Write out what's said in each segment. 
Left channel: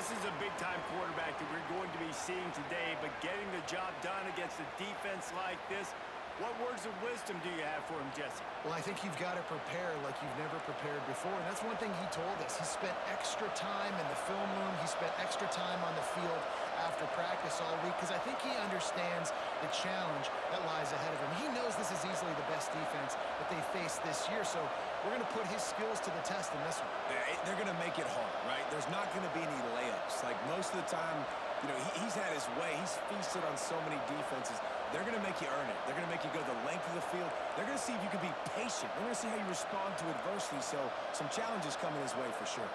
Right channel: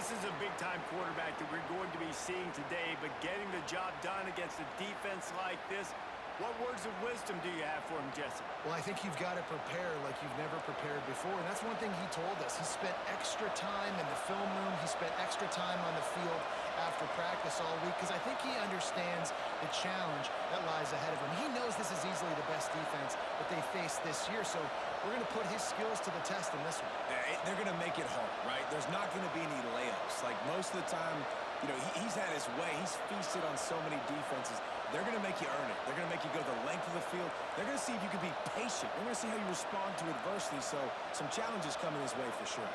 This is a big-time quarterback that we're going to be seeing today, but getting the job done against a defense like this, what words of wisdom do you have for him, Jesse? Well, I think you've got to prepare like you've never prepared before, and that's one thing he told us. He spent extra time in the film room. He spent extra time on the field after practice all week because I think he understands the challenge that lies ahead of him. He knows this is easily the best defense that they face this year, so we're going to put his skills to the test in this one. They're going to make it hard, right? There's not going to be any layups. Like most of the time, you know, he's had his way. He's feasted on so many defenses. They're going to make you earn it. They're going to make you go the length of the field. They're going to see if you can be patient. They're going to see how you respond to adversity. So some challenges coming his way for sure.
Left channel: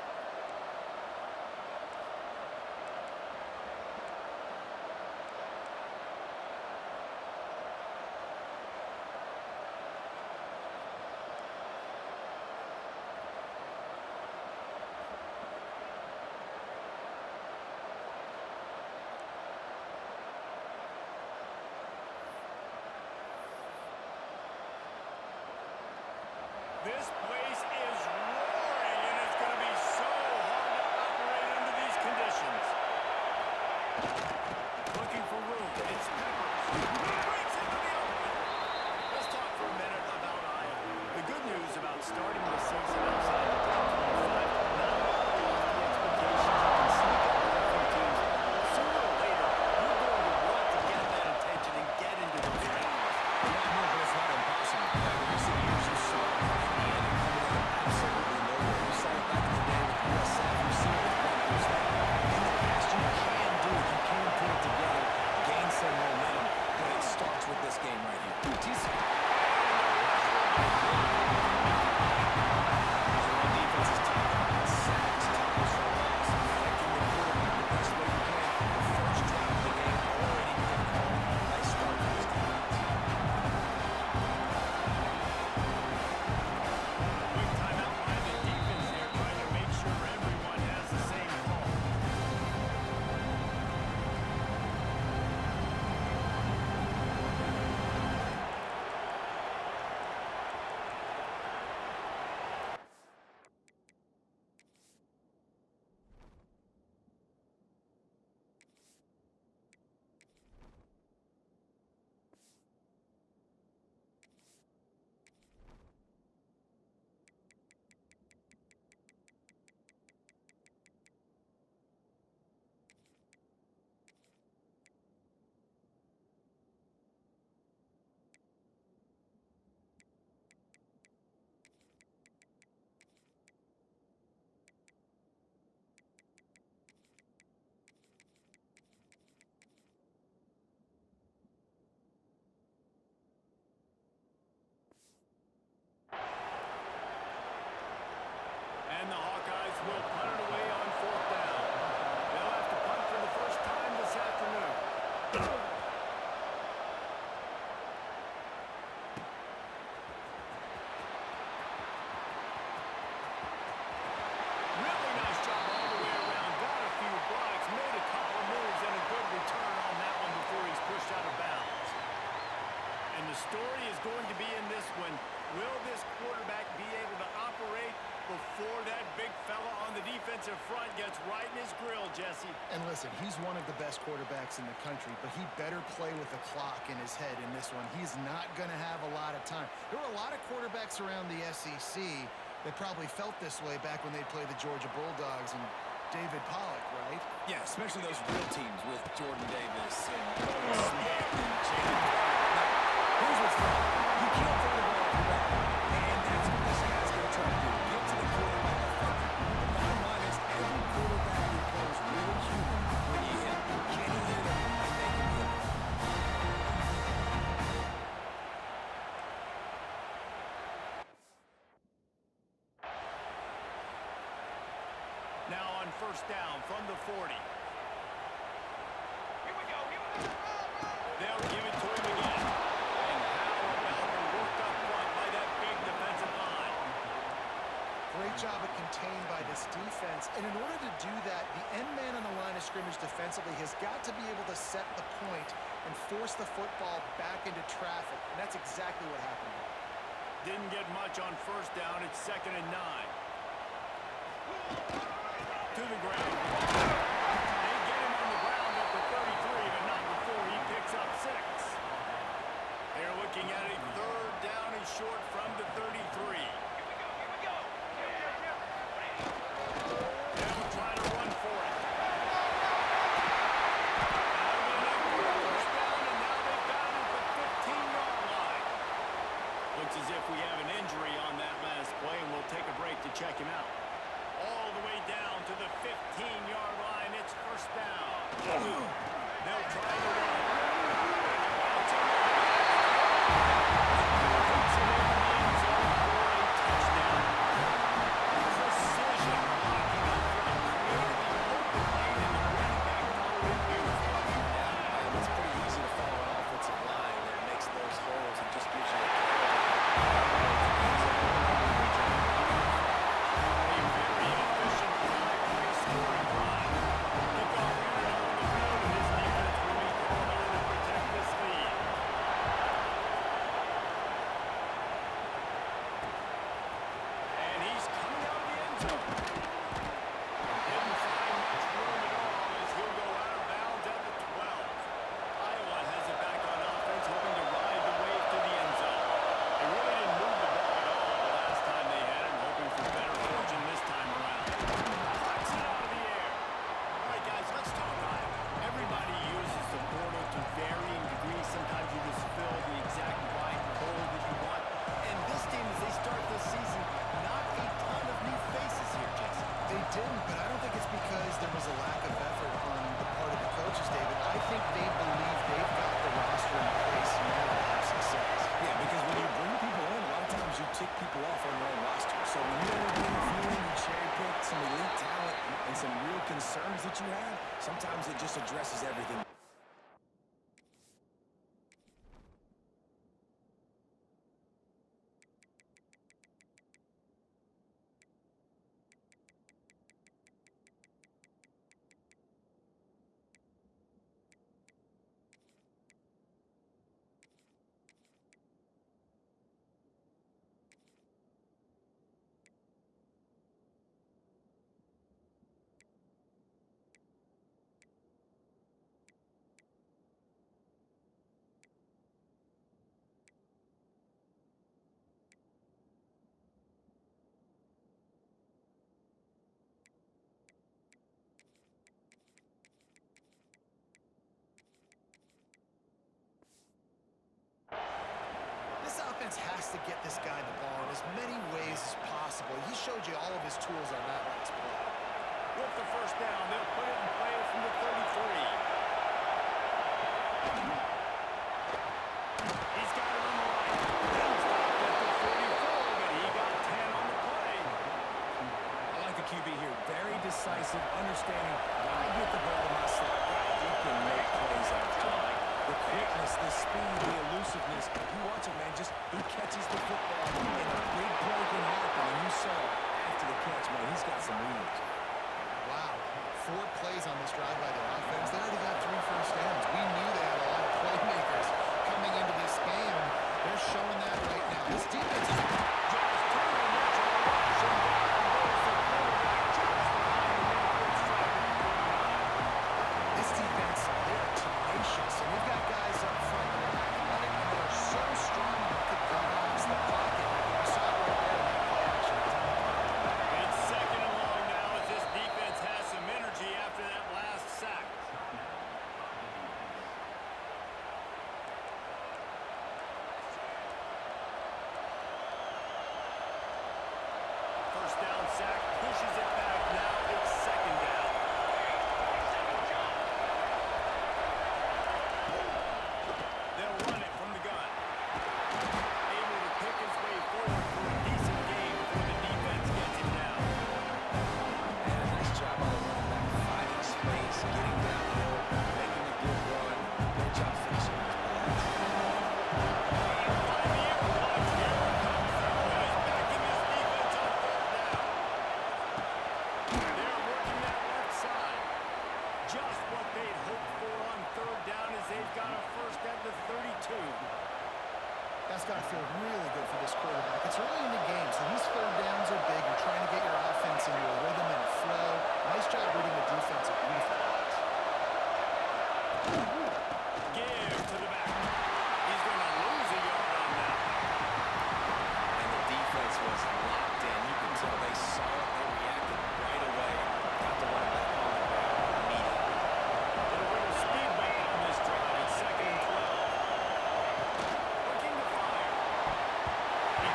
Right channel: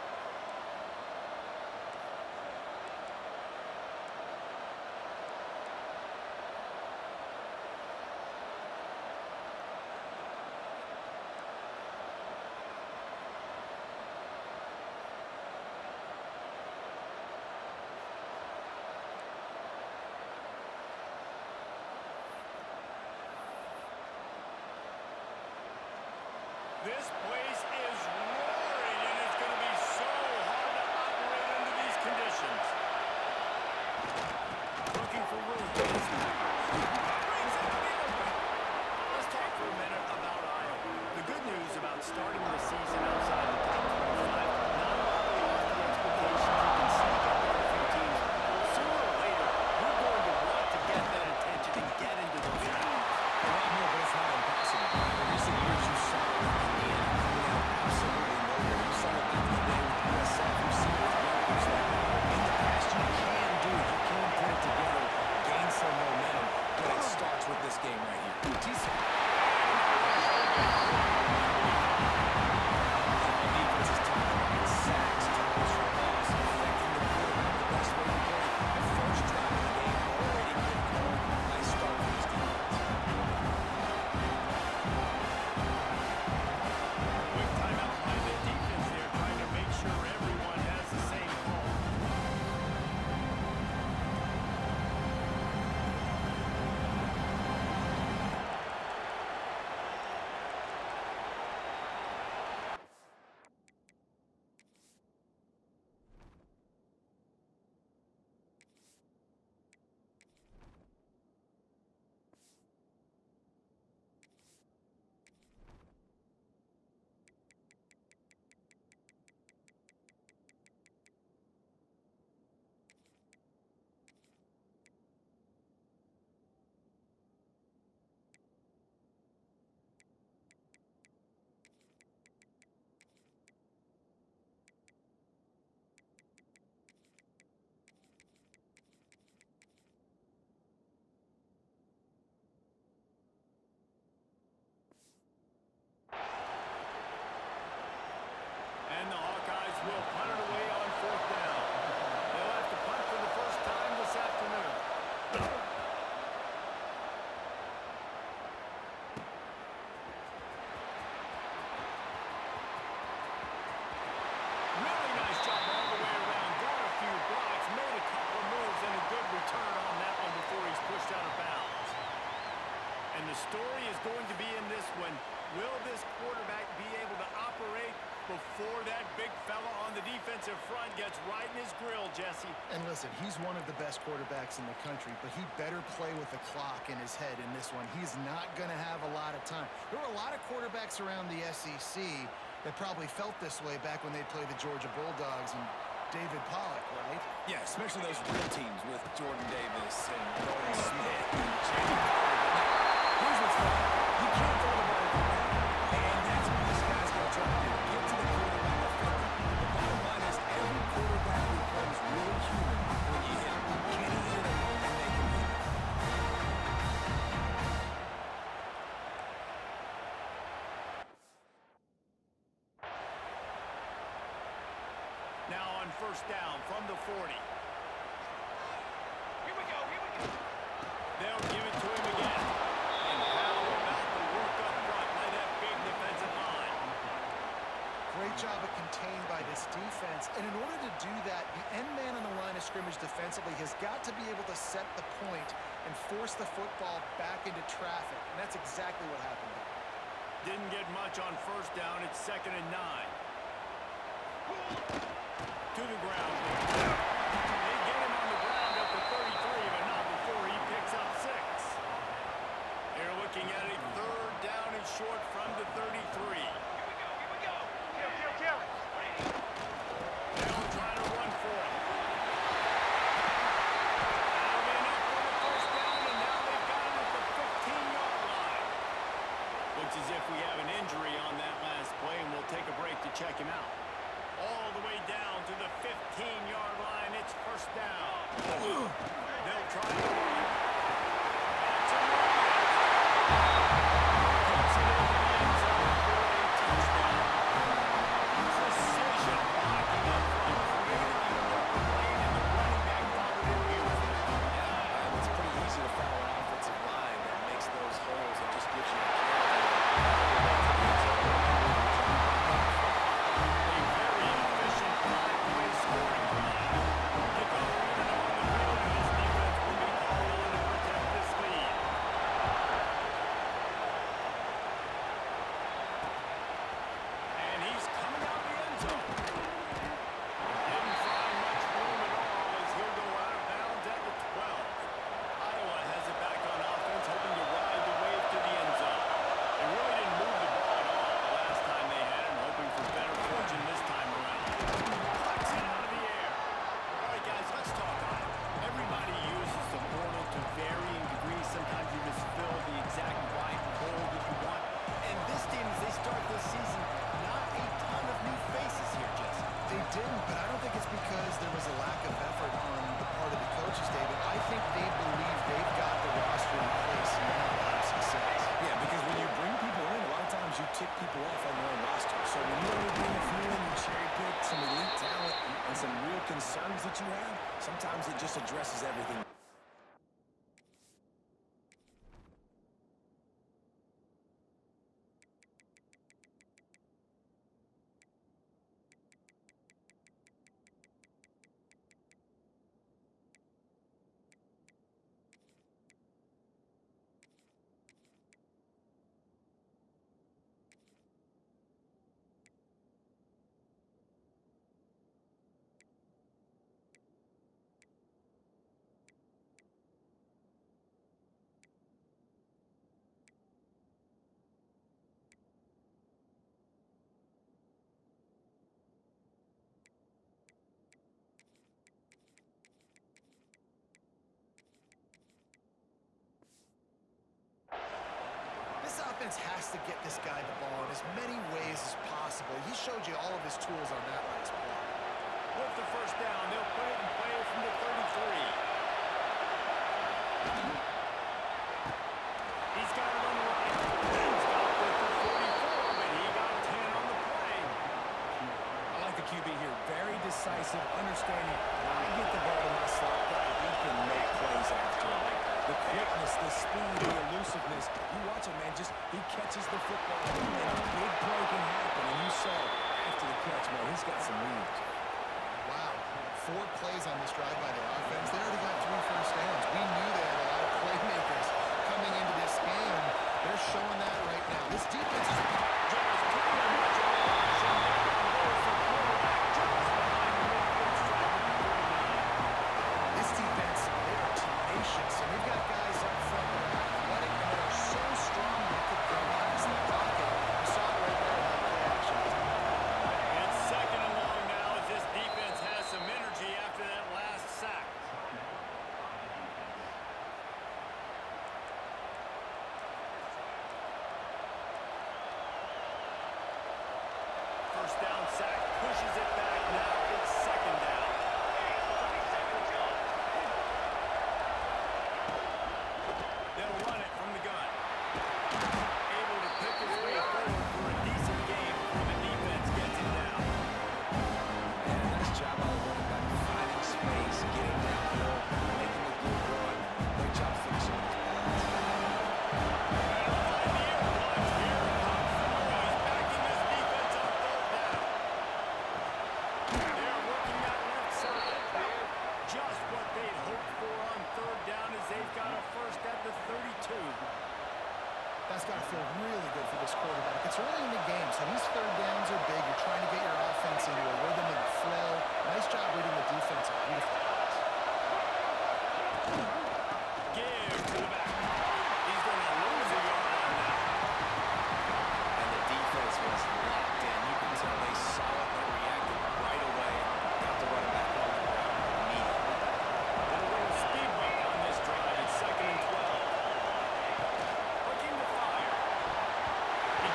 This place is roaring, and it's going to be so hard to operate under these conditions. Looking for room. It's Peppers. Brings into the open. Let's talk for a minute about Iowa. The good news about starting the season outside the top 25, not a lot of lofty expectations. You can sneak up on a few teams. Sooner or later, you're going to want to get that attention and get into those games. A lot more, but it's not impossible. In recent years, you saw Indiana coming out of absolutely nowhere. You saw it back in the day with USF. You've seen it with Rutgers. That in the past, you can do it. You can put it together, gain some momentum, but it starts with this game right here. Decent. The defense is talking about sacks, tackles for loss, affecting the quarterback the best way you can. The first drive of the game already getting home. Nice start for this defense. And the Hawkeyes will punt it away on 4th down. They'll have to punt for the first time this afternoon. Really nice job all the way around. Got a few blocks, made a couple of moves, and a good return on that one before he's pushed out of bounds. And the story is going to be in this one. Will this quarterback be able to operate before that big fella on the defensive front gets right in his grill, Jesse? And listen, he's one of the best quarterbacks in the country, but he better play with the clock in his head in this one. He's not going to have a lot of time. There were a lot of quarterbacks around the SEC that probably felt this way back when they played the Georgia Bulldogs and David Pollock, right? Yeah, especially those real teams with Jordan Davis and Nolan Smith and Jalen Carter. But here's what's fun. You can't throw the ball off your back. And that's what this guy's going to try to do. Get to the quarterback effectively. The bottom line is every quarterback becomes really human when you hit him. Can he hit him and make him hit him? Now on 1st down from the 40. Here we go, here we go. They'll give it to him again. And how about the work up front by that big defensive line? Great job of contained by this defense. And in order to do that, the end man on the line of scrimmage defensively has got to be able to set the point and force the football back into traffic. And that's exactly what happened there. Didn't get much on 1st down. It's 2nd and 9. To the ground. if we have an injury on that last play, and we'll take a break to check him out. All the way down to the 15-yard line. It's first down. They'll try to run. That's a run. Takes it into the end zone for a touchdown. Precision blocking up front. Created the open lane, and the running back followed it beautifully. Yeah, it's pretty easy to follow an offensive line that makes those holes and just gives you a caravan all the way to the end zone. A very efficient five-play scoring drive. Kickoff unit on the field, and this defense will be called on to protect this lead. And he's coming out of the end zone. Didn't find much room at all as he'll go out of bounds at the 12. Iowa has it back on offense, hoping to ride the wave to the end zone. They really didn't move the ball at all the last time they had it, hoping for better fortune this time around. Flex it out of the air. All right, guys, let's talk Iowa. Everybody uses the portal to varying degrees. Sometimes you just fill the exact right hole that you want. And this team, as they start this season, not a ton of new faces here, Jesse. They didn't, but I don't think it's because there was a lack of effort on the part of the coaches, David. I think they believe they've got the roster in place now to have success. Yeah, because when you bring people in, a lot of times you tick people off on your own roster. So when you only bring a few in, you cherry pick some elite talent and some real concerns that you have, sometimes it just addresses everything. This offense has to get this guy the ball in as many ways as possible. He showed you all of his tools on that last play. With the first down, they'll put it in play from the 33. He's got it on the right. Stopped at the 44, but he got 10 on the play. I like the QB here. Very decisive, understanding. When I get the ball to my slot guy, he can make plays after. The quickness, the speed, the elusiveness. You watch it, man. Just he catches the football, and a big play can happen. And you saw after the catch, man, he's got some wheels. Wow. 4 plays on this drive by the offense. They already got 3 first downs. We knew they had a lot of playmakers coming into this game, and they're showing that right now. This defense is Just too much of a rush, and down goes the quarterback just behind the midfield stripe at the 49. this defense, they are tenacious, and they've got guys up front that are athletic and that are so strong they could collapse the pocket. You saw it right there in that play action. It's second and long now as this defense has some energy after that last sack. First down sack, pushes it back. Now it's second down. They'll run it from the gun. Able to pick his way forward for a decent gain before the defense gets him down. Man, nice job by the running back, finding space, getting downhill, making a good run. Great job finishing his pass. Better find the air blocks. Here it comes through. He's backing this defense on third down. They're working that left side. Just what they'd hoped for on third down as they've got a first at the 32. That's got to feel really good for this quarterback. It's early in the game, so these third downs are big. You're trying to get your offense into a rhythm and a flow. Nice job reading the defense. A beautiful pass. Give to the back. He's going to lose a yard on that. And the defense was locked in. You can tell they saw it. They reacted right away. Got the running back on the ground immediately. Little bit of speed bump on this drive. It's second and 12. Looking to fire. He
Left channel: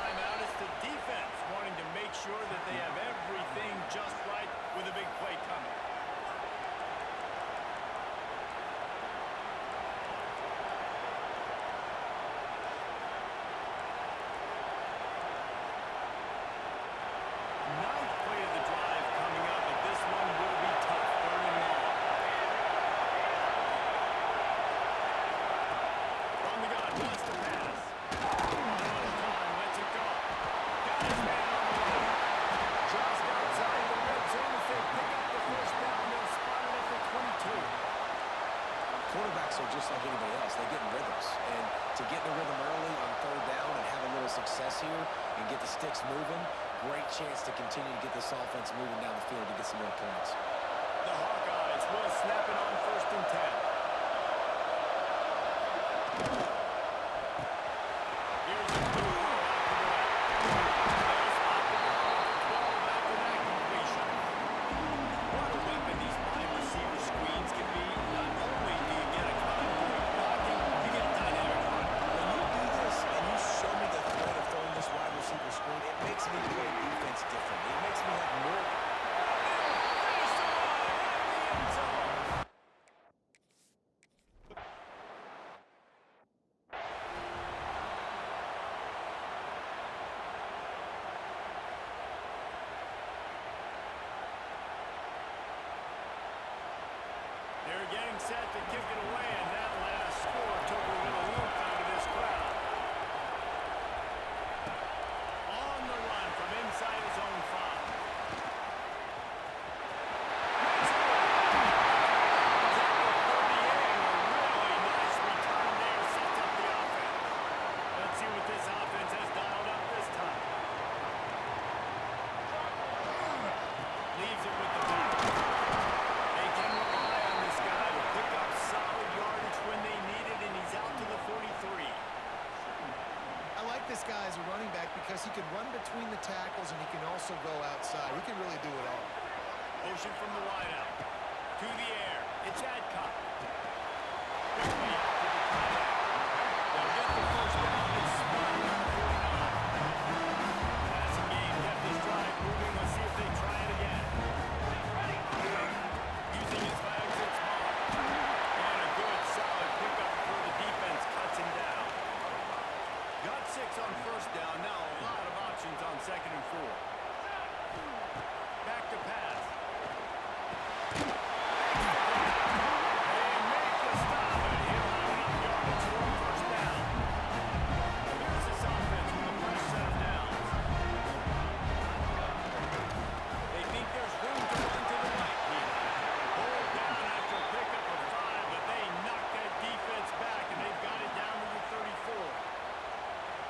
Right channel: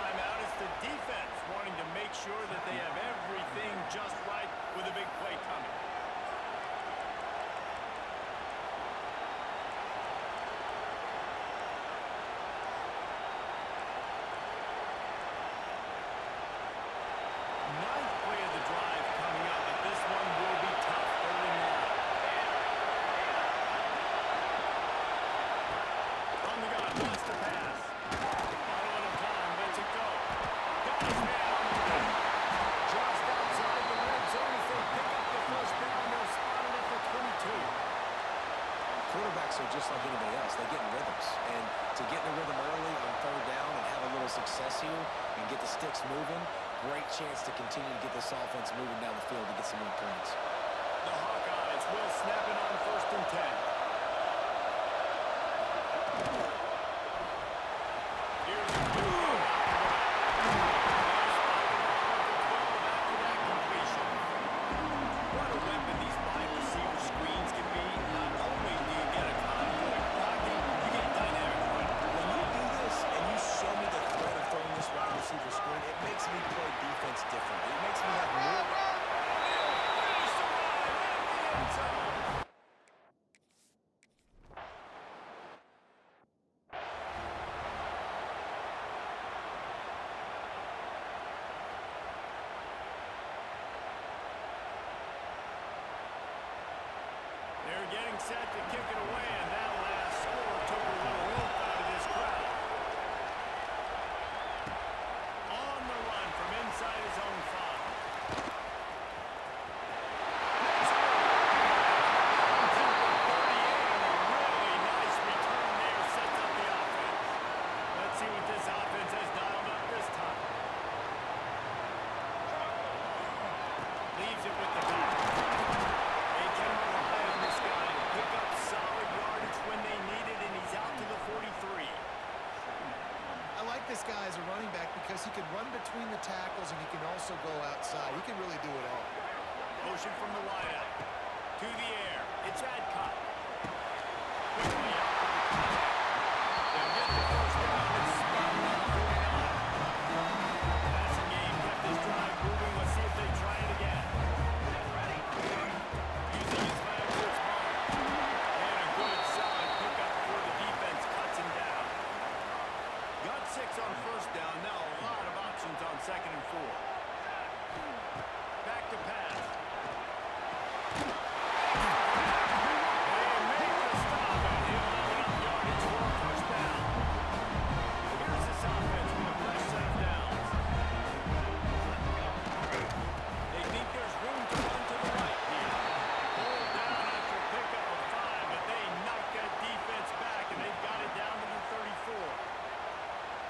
timeout. It's the defense wanting to make sure that they have everything just right with a big play coming. Ninth play of the drive coming up, but this one will be tough. 3rd and long. From the gun, wants to pass. On a little time, lets it go. Got his man on the run. Just outside the red zone as they pick up the first down. They'll spot it at the 22. Quarterbacks are just like anybody else. They get in rhythms. And to get in a rhythm early on 3rd down and have a little success here and get the sticks moving, great chance to continue to get this offense moving down the field to get some more points. The Hawkeyes will snap it on 1st and 10. Here's a good throw out to the left. They'll spot the ball at the 12 after that completion. What a weapon these wide receiver screens can be. Not only do you get a convoy blocking, you get dynamic running. When you do this and you show me the threat of throwing this wide receiver screen, it makes me play defense differently. It makes me have more. Finish the run in the end zone. They're getting set to kick it away, and that last score took a little oomph out of this crowd. On the run from inside his own 5. Makes a move. At the 38, and a really nice return there sets up the offense. Let's see what this offense has dialed up this time. Leaves it with the back. They can rely on this guy to pick up solid yardage when they need it, and he's out to the 43. I like this guy as a running back because he can run between the tackles and he can also go outside. He can really do it all. Motion from the wideout. To the air. It's Adcock. Quickly out to the tight end. They'll get the first down. It's spotted on the 49. Passing game kept this drive moving. Let's see if they try it again. Using his legs, it's marked. And a good, solid pickup before the defense cuts him down. Got 6 on 1st down. Now a lot of options on 2nd and 4. Back to pass. They make the stop, and he'll have enough yardage for a 1st down. Here's this offense with a fresh set of downs. They think there's room to run to the right here. Pulled down after a pickup of 5, but they knock that defense back, and they've got it down to the 34.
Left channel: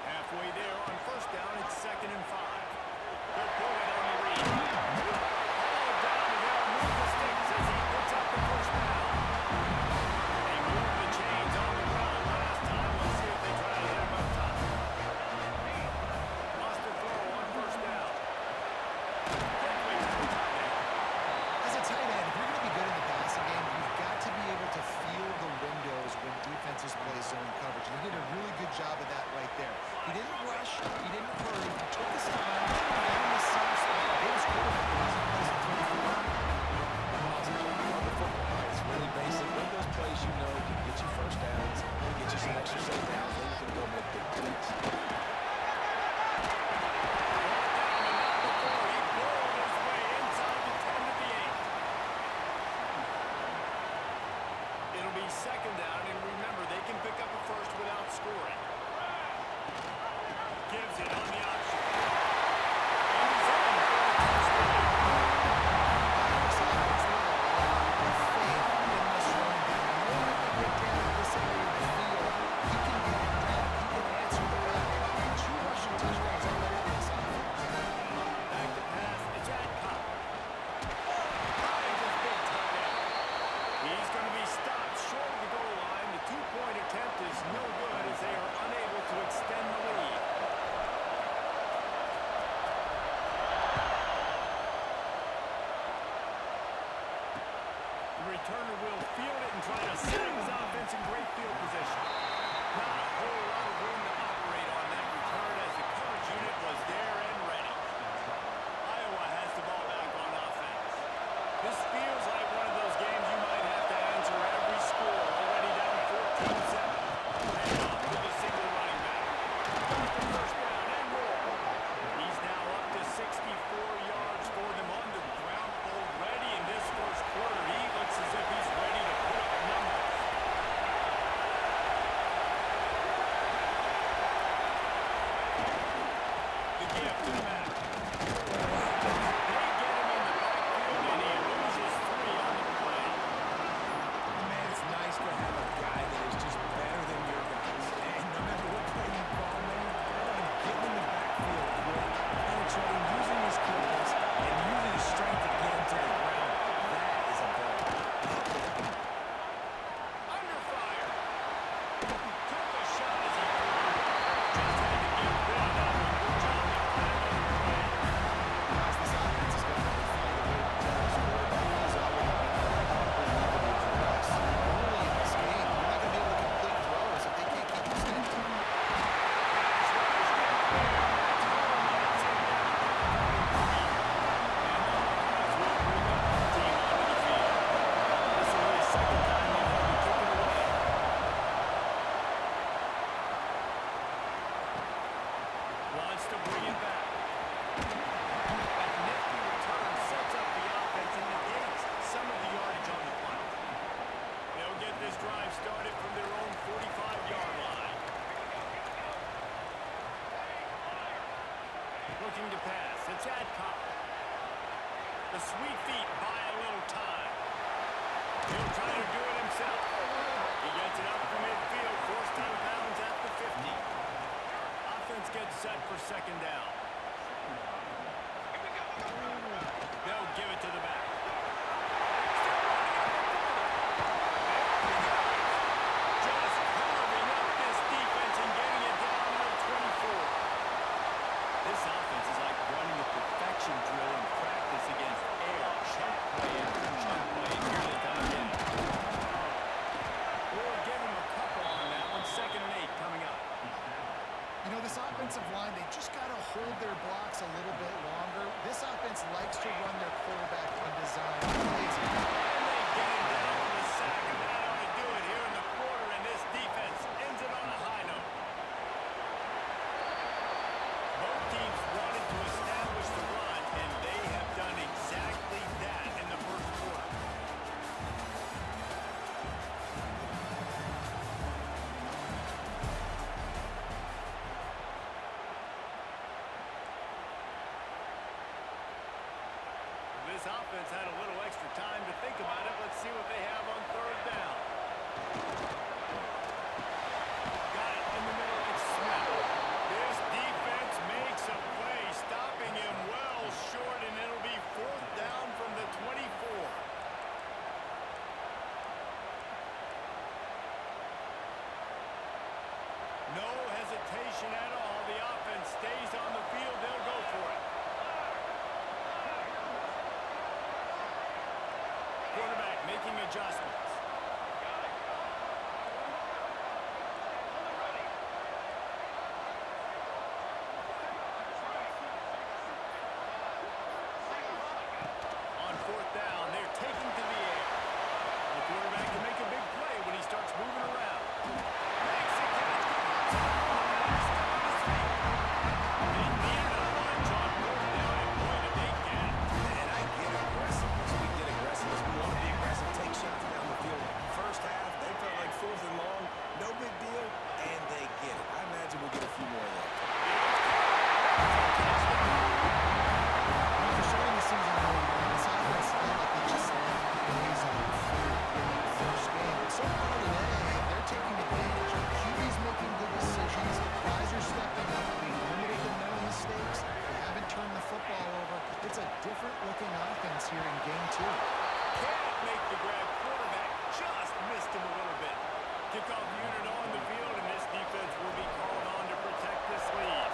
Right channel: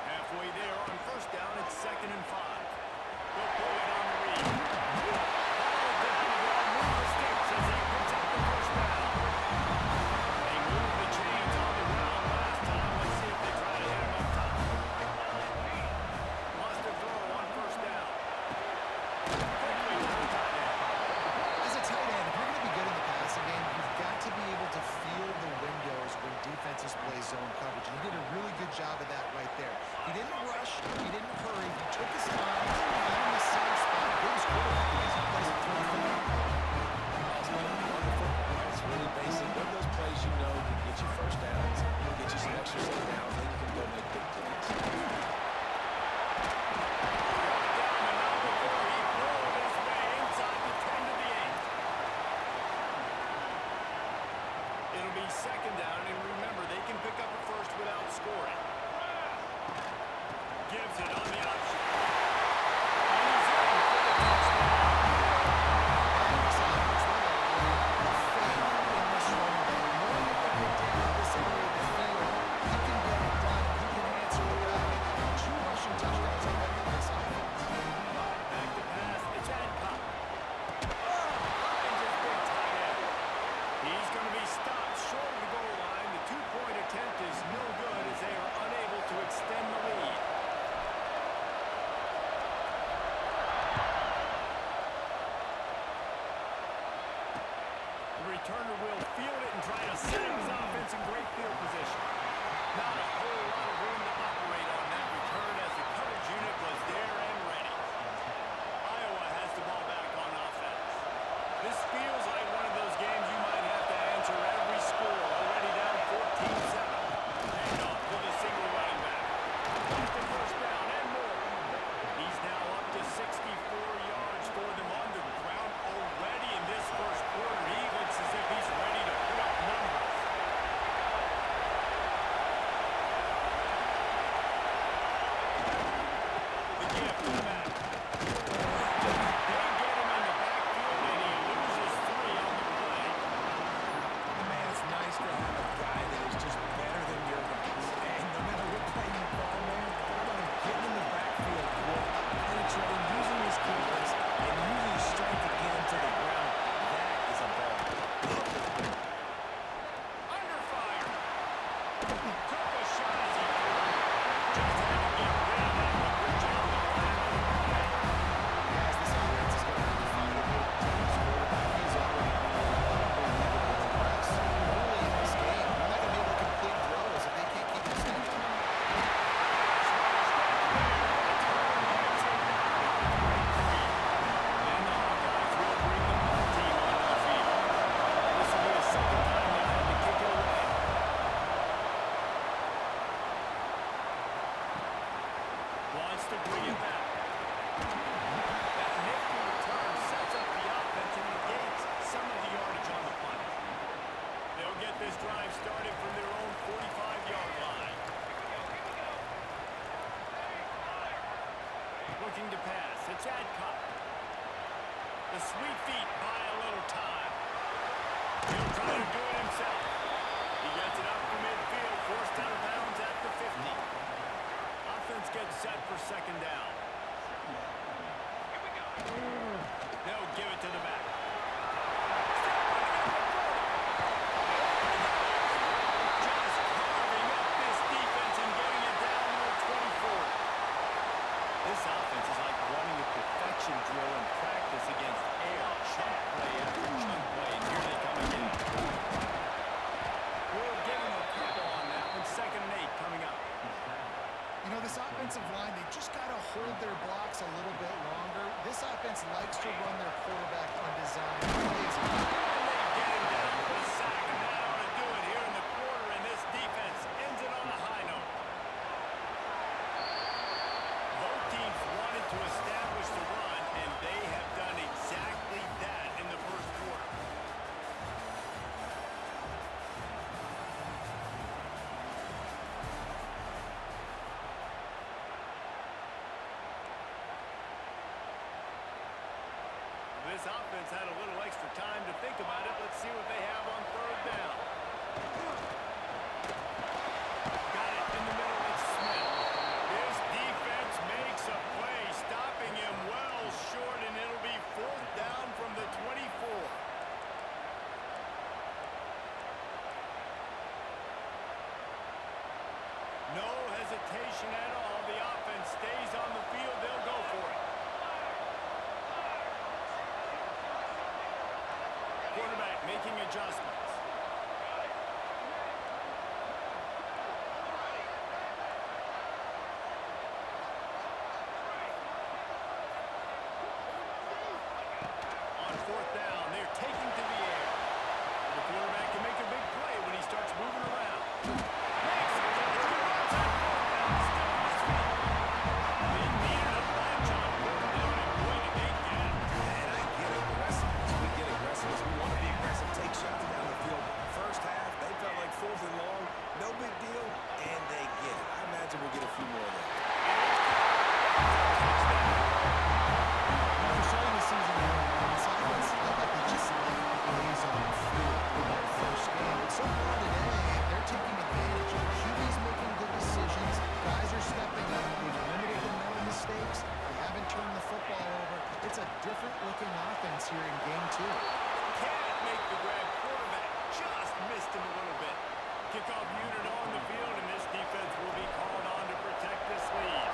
Halfway there on 1st down, it's 2nd and 5. They'll pull it on the read. All down, and they'll move the sticks as he picks up the 1st down. They moved the chains on the ground last time. Let's see if they try to hit him up top. Lost a throw on 1st down. Quickly to the tight end. As a tight end, if you're going to be good in the passing game, you've got to be able to feel the windows when defenses play zone coverage. And he did a really good job of that right there. He didn't rush. He didn't hurry. He took his time, found the soft spot, gave his quarterback an easy place to throw the football. Run the football, right? It's really basic. Run those plays you know can get you 1st downs, get you some extra set downs, then you can go make big plays. Brought down the number 4. He pulled his way inside the 10 to the 8. It'll be 2nd down, and remember, they can pick up a 1st without scoring. Gives it on the option. And he's in for the touchdown. There's a lot of faith in this running back. Knowing if they get down in this area of the field, he can get it done. He can answer the bell. 2 rushing touchdowns already for this offense. Back to pass. It's Adcock. Finds his big tight end. He's going to be stopped short of the goal line. The 2-point attempt is no good as they are unable to extend the lead. The returner will field it and try to set up his offense in great field position. Not a whole lot of room to operate on that return as the coverage unit give to the mat. They get him in the backfield, and he loses 3 on the play. Man, it's nice to have a guy that is just better than your guys. And no matter what play you call, man, how about him getting in the backfield quick, penetrating, using his quickness, and using his strength to get him to the ground. That is a ball. Under fire. He took a shot as he threw it. Just had to get rid of that one. Good job to find another play. Guys, this offense is going to have to find a way to protect this quarterback. He has already been an unbelievable progress. Early in this game, you're not going to be able to complete throws if they can't keep him steady. Pass rush gets there. That's home. Gets him down at the 23. And the Hawkeyes will bring the home team onto the field. This will be the second time they've had to kick it away. Wants to bring it back. That nifty return sets up the offense and negates some of the yardage on the punt. They'll get this drive started from their own 45-yard line. Looking to pass. It's Adcock. The sweet feet buy a little time. He'll try to do it himself. He gets it up to midfield, forced out of bounds at the 50. Offense gets set for second down. They'll give it to the back. Still running up the 40. There he goes. Just carving up this defense and getting it down to the 24. This offense is like running a perfection drill in practice against air. Chunk play after chunk play, and here they come again. We'll give him a couple on that one. 2nd and 8 coming up. You know, this offensive line, they just got to hold their blocks a little bit longer. This offense likes to run their quarterback on design plays. And they get him down for the sack, and that ought to do it here in the quarter, and this defense ends it on a high note. Both teams wanted to establish the run, and they have done exactly that in the first quarter. This offense had a little extra time to think about it. Let's see what they have on 3rd down. Got it in the middle. It's Smith. This defense makes a play, stopping him well short, and it'll be 4th down from the 24. No hesitation at all. The offense stays on the field. They'll go for it. Quarterback making adjustments. On 4th down, they're taking to the air. The quarterback can make a big play when he starts moving around. Makes a catch. Go outside 4th down. He's still on his feet. They needed a bunch on 4th down, and boy, did they get it. And I get aggressiveness. We get aggressiveness. We want to be aggressive. Take shots down the field. First half, they felt like 4th and long. No big deal, and they get it. I imagine we'll get a few more of those. After starting the season 0-1, this offense felt like they just left plays on the field in that first game. But so far today, they're taking advantage. QB's making good decisions. Guys are stepping up. They've limited the mental mistakes. They haven't turned the football over. It's a different-looking offense here in Game 2. Can't make the grab. Quarterback just missed him a little bit. Kickoff unit on the field, and this defense will be called on to protect this lead.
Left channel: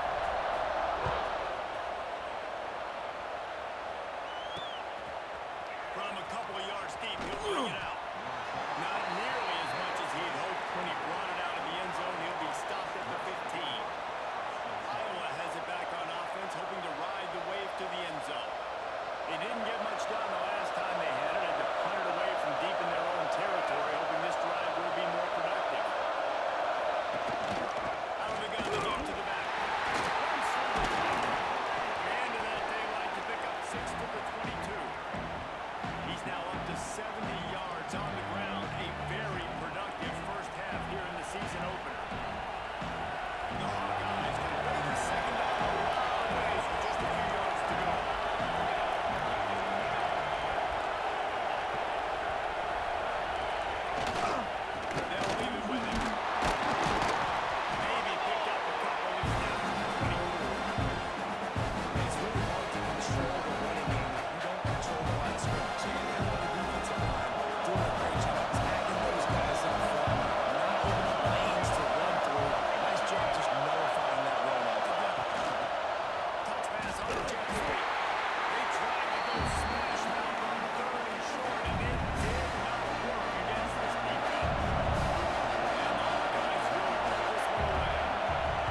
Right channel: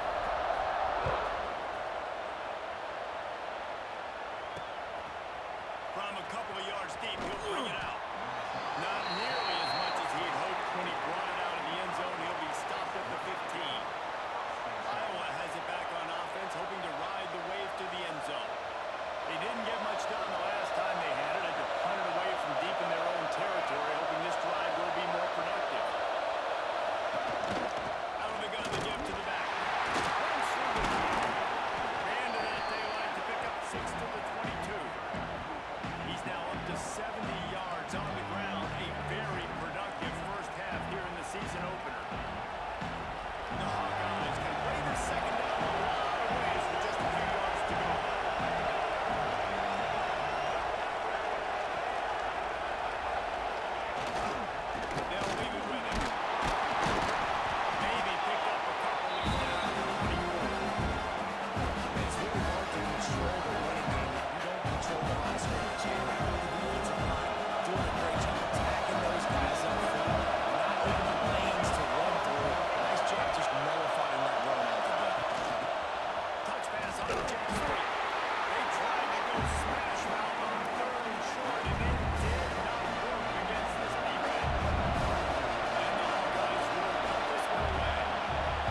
From a couple of yards deep, he'll bring it out. Not nearly as much as he had hoped when he brought it out of the end zone. He'll be stopped at the 15. Iowa has it back on offense, hoping to ride the wave to the end zone. They didn't get much done the last time they had it. Had to punt it away from deep in their own territory, hoping this drive will be more productive. Out of the gun, they give to the back. Runs through the top. Man to that daylight to pick up 6 to the 22. He's now up to 70 jet sweep. They tried to go smash mouth on 3rd and short, and it did not work against this defense. And the Hawkeyes will put this one away.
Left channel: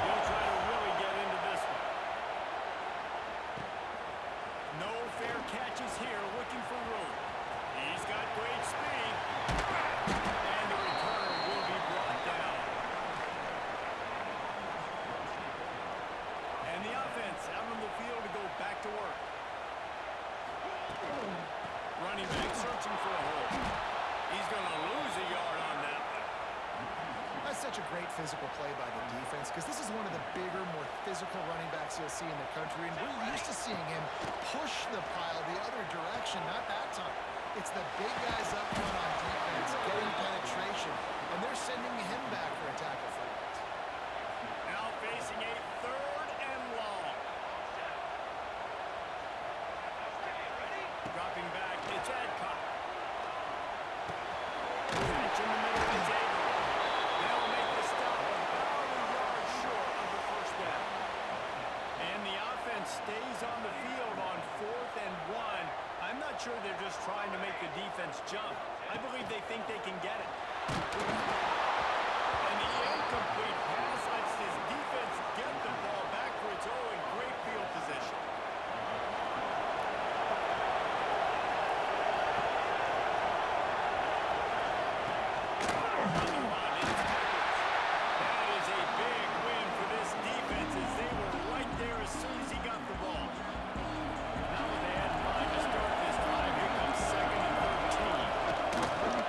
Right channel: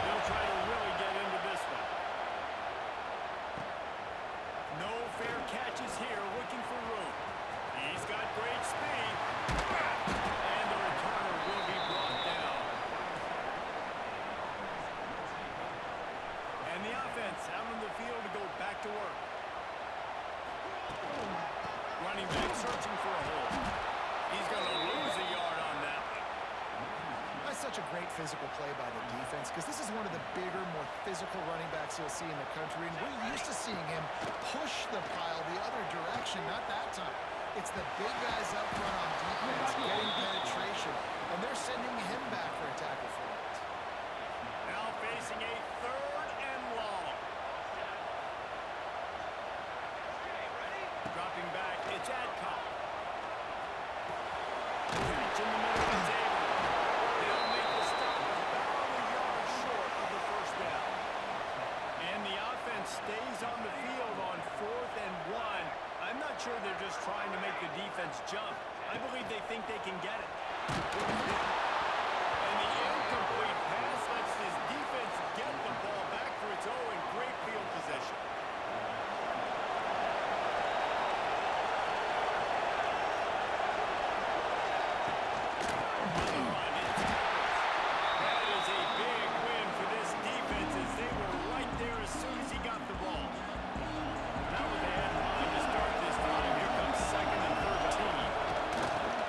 He'll try to really get into this one. No fair catches here, looking for room. He's got great speed. And the returner will be brought down. And the offense out on the field to go back to work. Running back searching for a hole. He's going to lose a yard on that one. That's such a great physical play by the defense because this is one of the bigger, more physical running backs you'll see in the country. And we're used to seeing him push the pile the other direction, not that time. It's the big guys up front on defense getting penetration, and they're sending him back for a tackle for loss. Now facing a 3rd and long. Dropping back, it's Adcock. Catch in the middle, it's Avery. They'll make the stop about a yard short of the 1st down. And the offense stays on the field on 4th and 1. I'm not sure they're just trying to make the defense jump. I believe they think they can get it. And the incomplete pass lets this defense get the ball back for its own in great field position. On the run, it's Peppers. That is a big win for this defense as they were right there as soon as he got the ball. Now what they had in mind to start this drive, here comes 2nd and 13.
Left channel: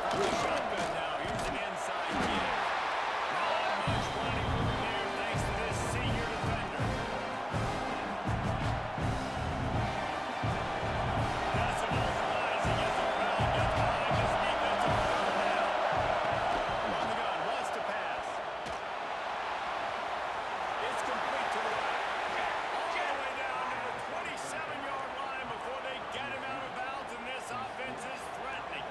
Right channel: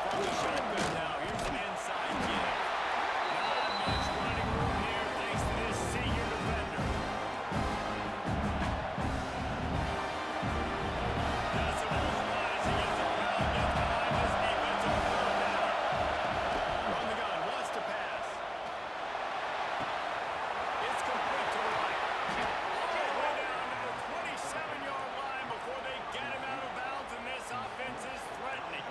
From the shotgun now, here's an inside give. Not much running room there thanks to this senior defender. Decibels rising as the crowd gets behind this defense on 3rd down. From the gun, wants to pass. It's complete to the right. All the way down to the 27-yard line before they get him out of bounds, and this offense is threatening.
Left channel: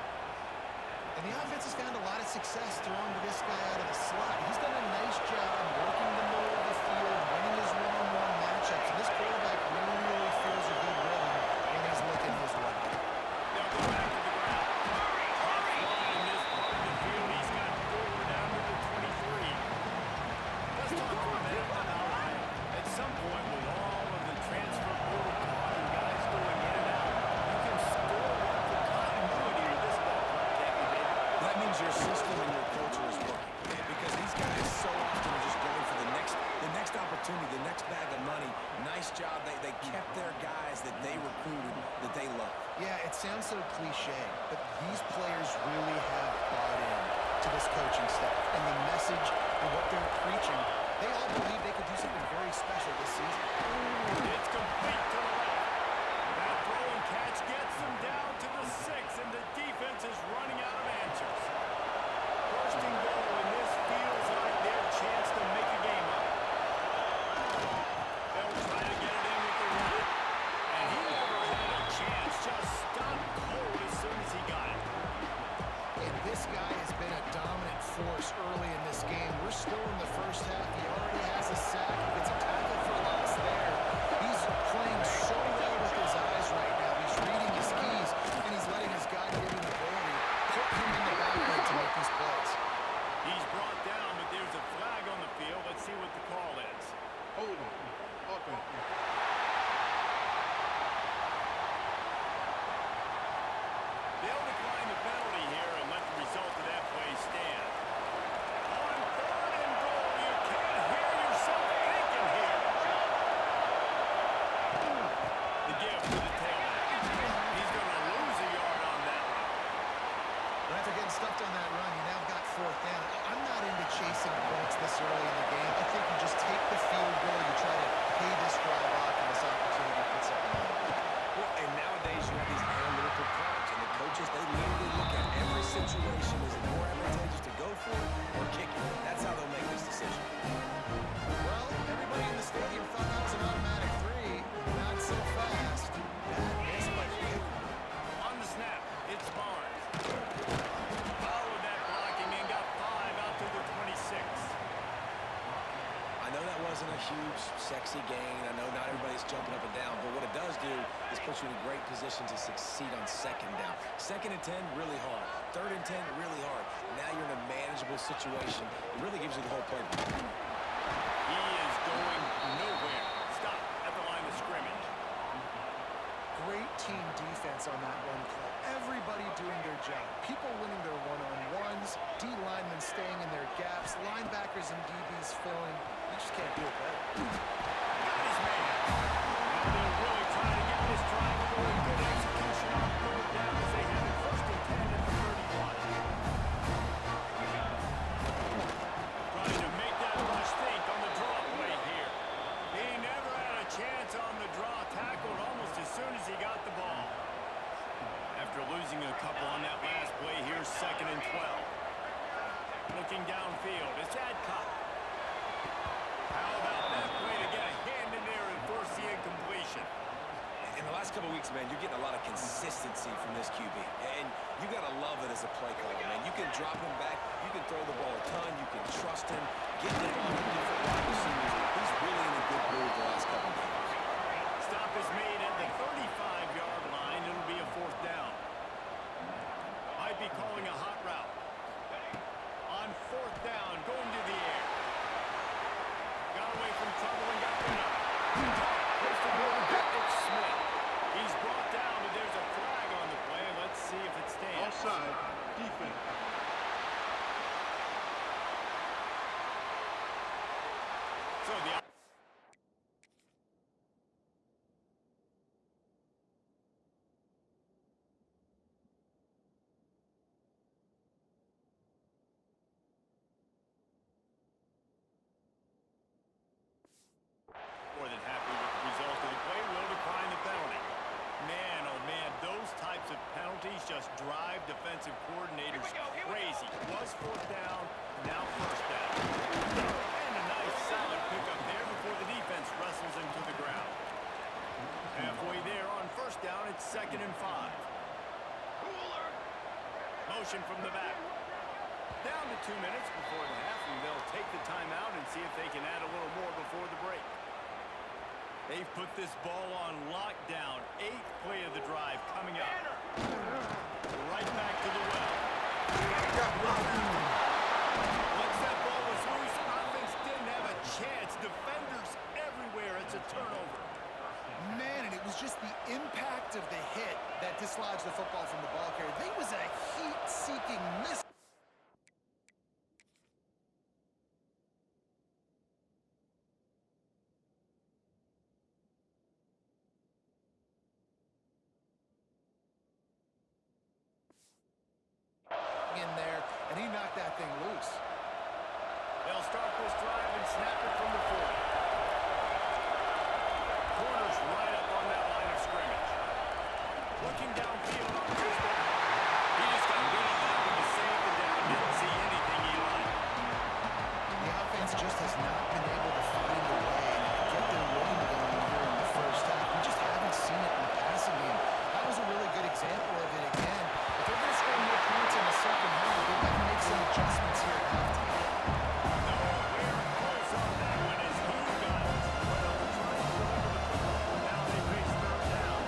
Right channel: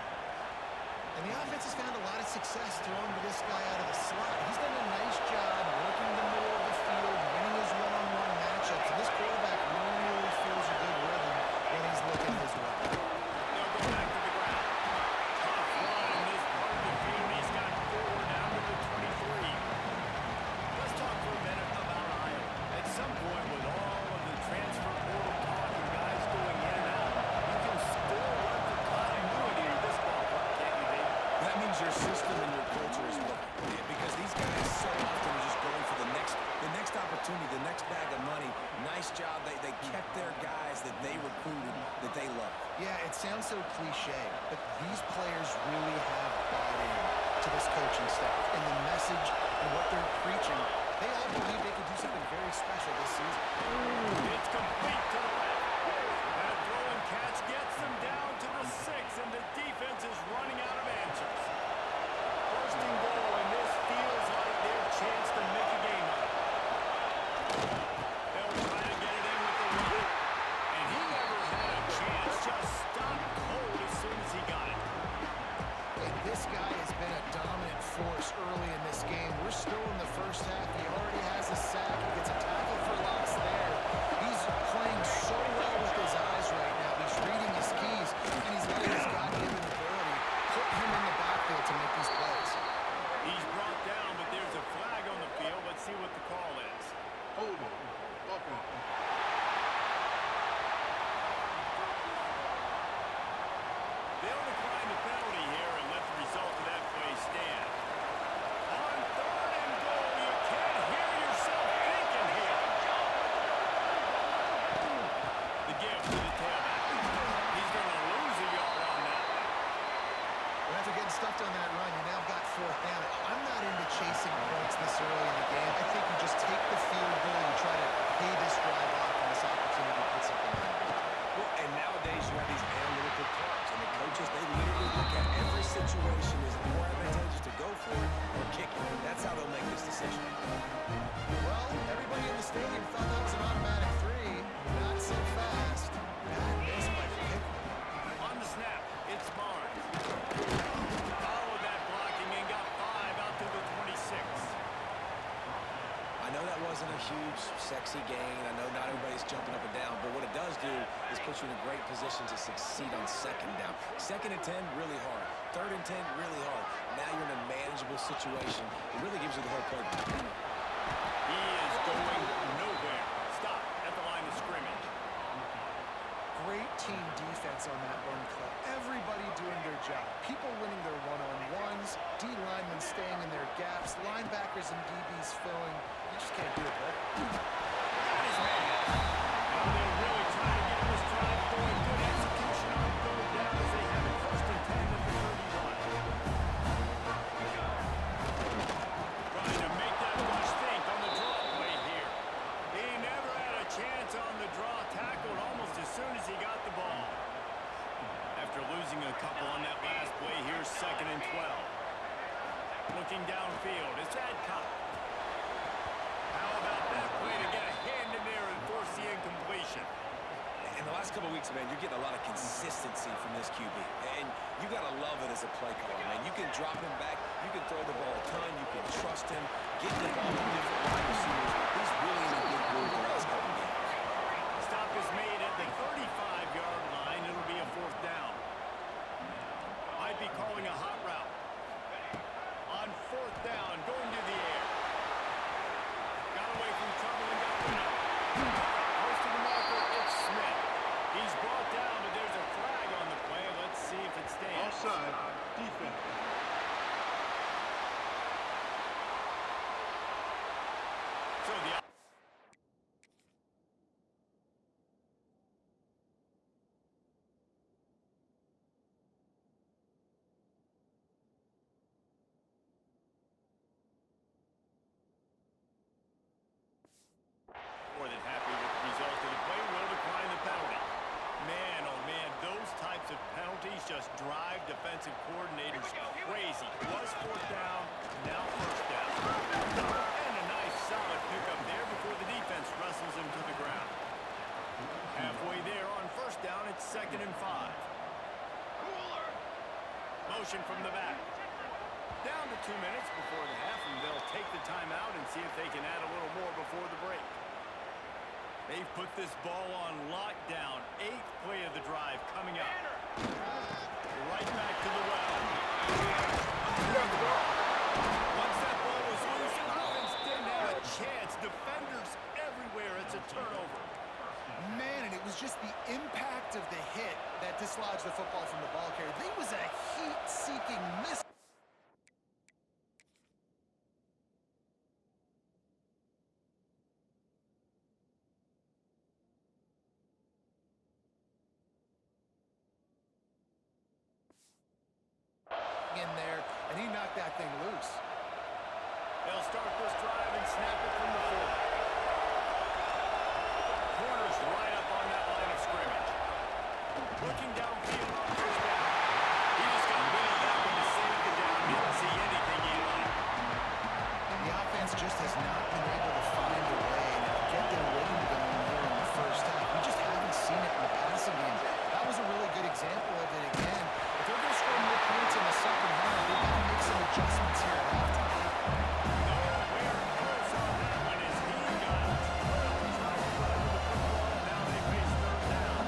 And the offense has found a lot of success throwing to this guy out of the slot. He's done a nice job working the middle of the field, winning his one-on-one matchups. And this quarterback really feels a good rhythm when he's looking his way. They'll go back to the ground. Tough run in this part of the field. He's got 4 down to the 23. Let's talk for a minute about Iowa. At some point, with all of the transfer portal talk and guys going in and out, you can still look for continuity with this ball club, can't you, David? That means your system and your culture is working. Because these guys so often are just going for the next opportunity, the next bag of money. Nice job. They kept their guys that they recruited, that they love. Yeah, it sounds so cliche, but these players really have bought in to this coaching staff and the message and what they're preaching. They all believe they could do something very special this season. It's complete to the left. That throw and catch gets them down to the 6, and the defense is running out of answers. 1st and goal, and this feels like their chance to make a game of it. They'll try to get it in with the run. And he never had a chance, just stopped cold as soon as he got it. And this guy has been a dominant force early in this game. We're still in the 1st half. He already has a sack. He gets a tackle for loss there. He's playing so well with his eyes right now. He's reading his keys, and he's letting his God-given ability put him in the backfield to make these plays. He's brought down, but there's a flag on the field. Let's see what the call is. Hold on. Offense. They'll decline the penalty here and let the result of that play stand. On 3rd and goal, you can't hear yourself thinking here. The give to the tailback. He's going to lose a yard on that one. But after getting stuffed on that run, you now got 4th down. I'm not into chasing points this early in the game. I think you just take the field goal, you try to pay this drive off, and this opportunity to put something on the board. Well, and nowadays you have these analytical cards, and the coaches, they literally look at every situation. Is it more advantageous to go for it or kick it? That's how they'll make this decision. Well, everybody in the stadium thought that was an automatic 3. Not so fast. Bad miss by Pickett. On the snap, it's Barnes. Followed that blocking and got 5 out to the 26. I know that wasn't a huge sexy gain. I know not everybody's jumping up and down, but what it does do is put you in a great position to succeed on second down. 2nd and 10, really hard. 3rd and 10, really hard. Now you're in a manageable situation. It really gives you the whole playbook. He is going nowhere. Stop at the line of scrimmage. Great team defense on that run play. Everybody doing their job. People winning their one-on-ones, D linemen staying in their gaps, linebackers and DBs filling. You just can't do it better. Got his man. Now they'll really try to get this drive going. Good execution on 3rd down as they have it 1st and 10 at the 31. Trying to make that rush think on the draw play here. He never had a chance on the draw. Tackled almost as soon as he got the ball. After losing a couple on that last play, here's 2nd and 12. Looking downfield, it's Adcock. How about that play to get a hand in there and force the incompletion? In the last couple of weeks, man, you're getting a lot of consistency from this QB. And you got to love it as a play caller, man. You can drop him back. You can throw the ball a ton. You can trust him. Get the ball to different wide receivers. He's really in a good groove the last couple of games. Stop is made at the 35-yard line. It'll be a 4th down. Might be calling a hot route. On 4th down, going to the air. Got away from trouble and got rid of it. Close to the marker, it's Smith. He's brought down, but there's a flag on the play. Let's see if it stands. Offside. Defense. So the more than happy with the result of the play, will decline the penalty. Man, oh man, those types of penalties just drive defensive coordinators crazy. Was 4th down, now 1st down. And a nice solid pickup there before the defense wrestles him to the ground. Halfway there on 1st down, it's 2nd and 5. Motion from the back. Down to 2 minutes before the half, and they'll take the timeout and see if they can add a little more before the break. They've put this ball on lockdown. 8th play of the drive coming up. Right back to the well. Once that ball was loose, offense didn't have a chance. Defenders everywhere. It's a turnover. Man, and it was just the impact of the hit that dislodged the football from the ball carrier. There was a heat-seeking miss. In there, and he knocked that thing loose. They'll start this drive and snap it from the 40. Corner's right up on that line of scrimmage. Looking downfield on 1st down. He just got rid of that one to save the down. Didn't see anything he liked. The offense just has not been able to find a way to get their rhythm going here in the 1st half. We just haven't seen it in the passing game. That was a really good example of it again. If they're going to score more points in the 2nd half, they've got to make some adjustments here at halftime. Nowhere close on that one as he got drilled trying to deliver the football. Now they face 3rd down.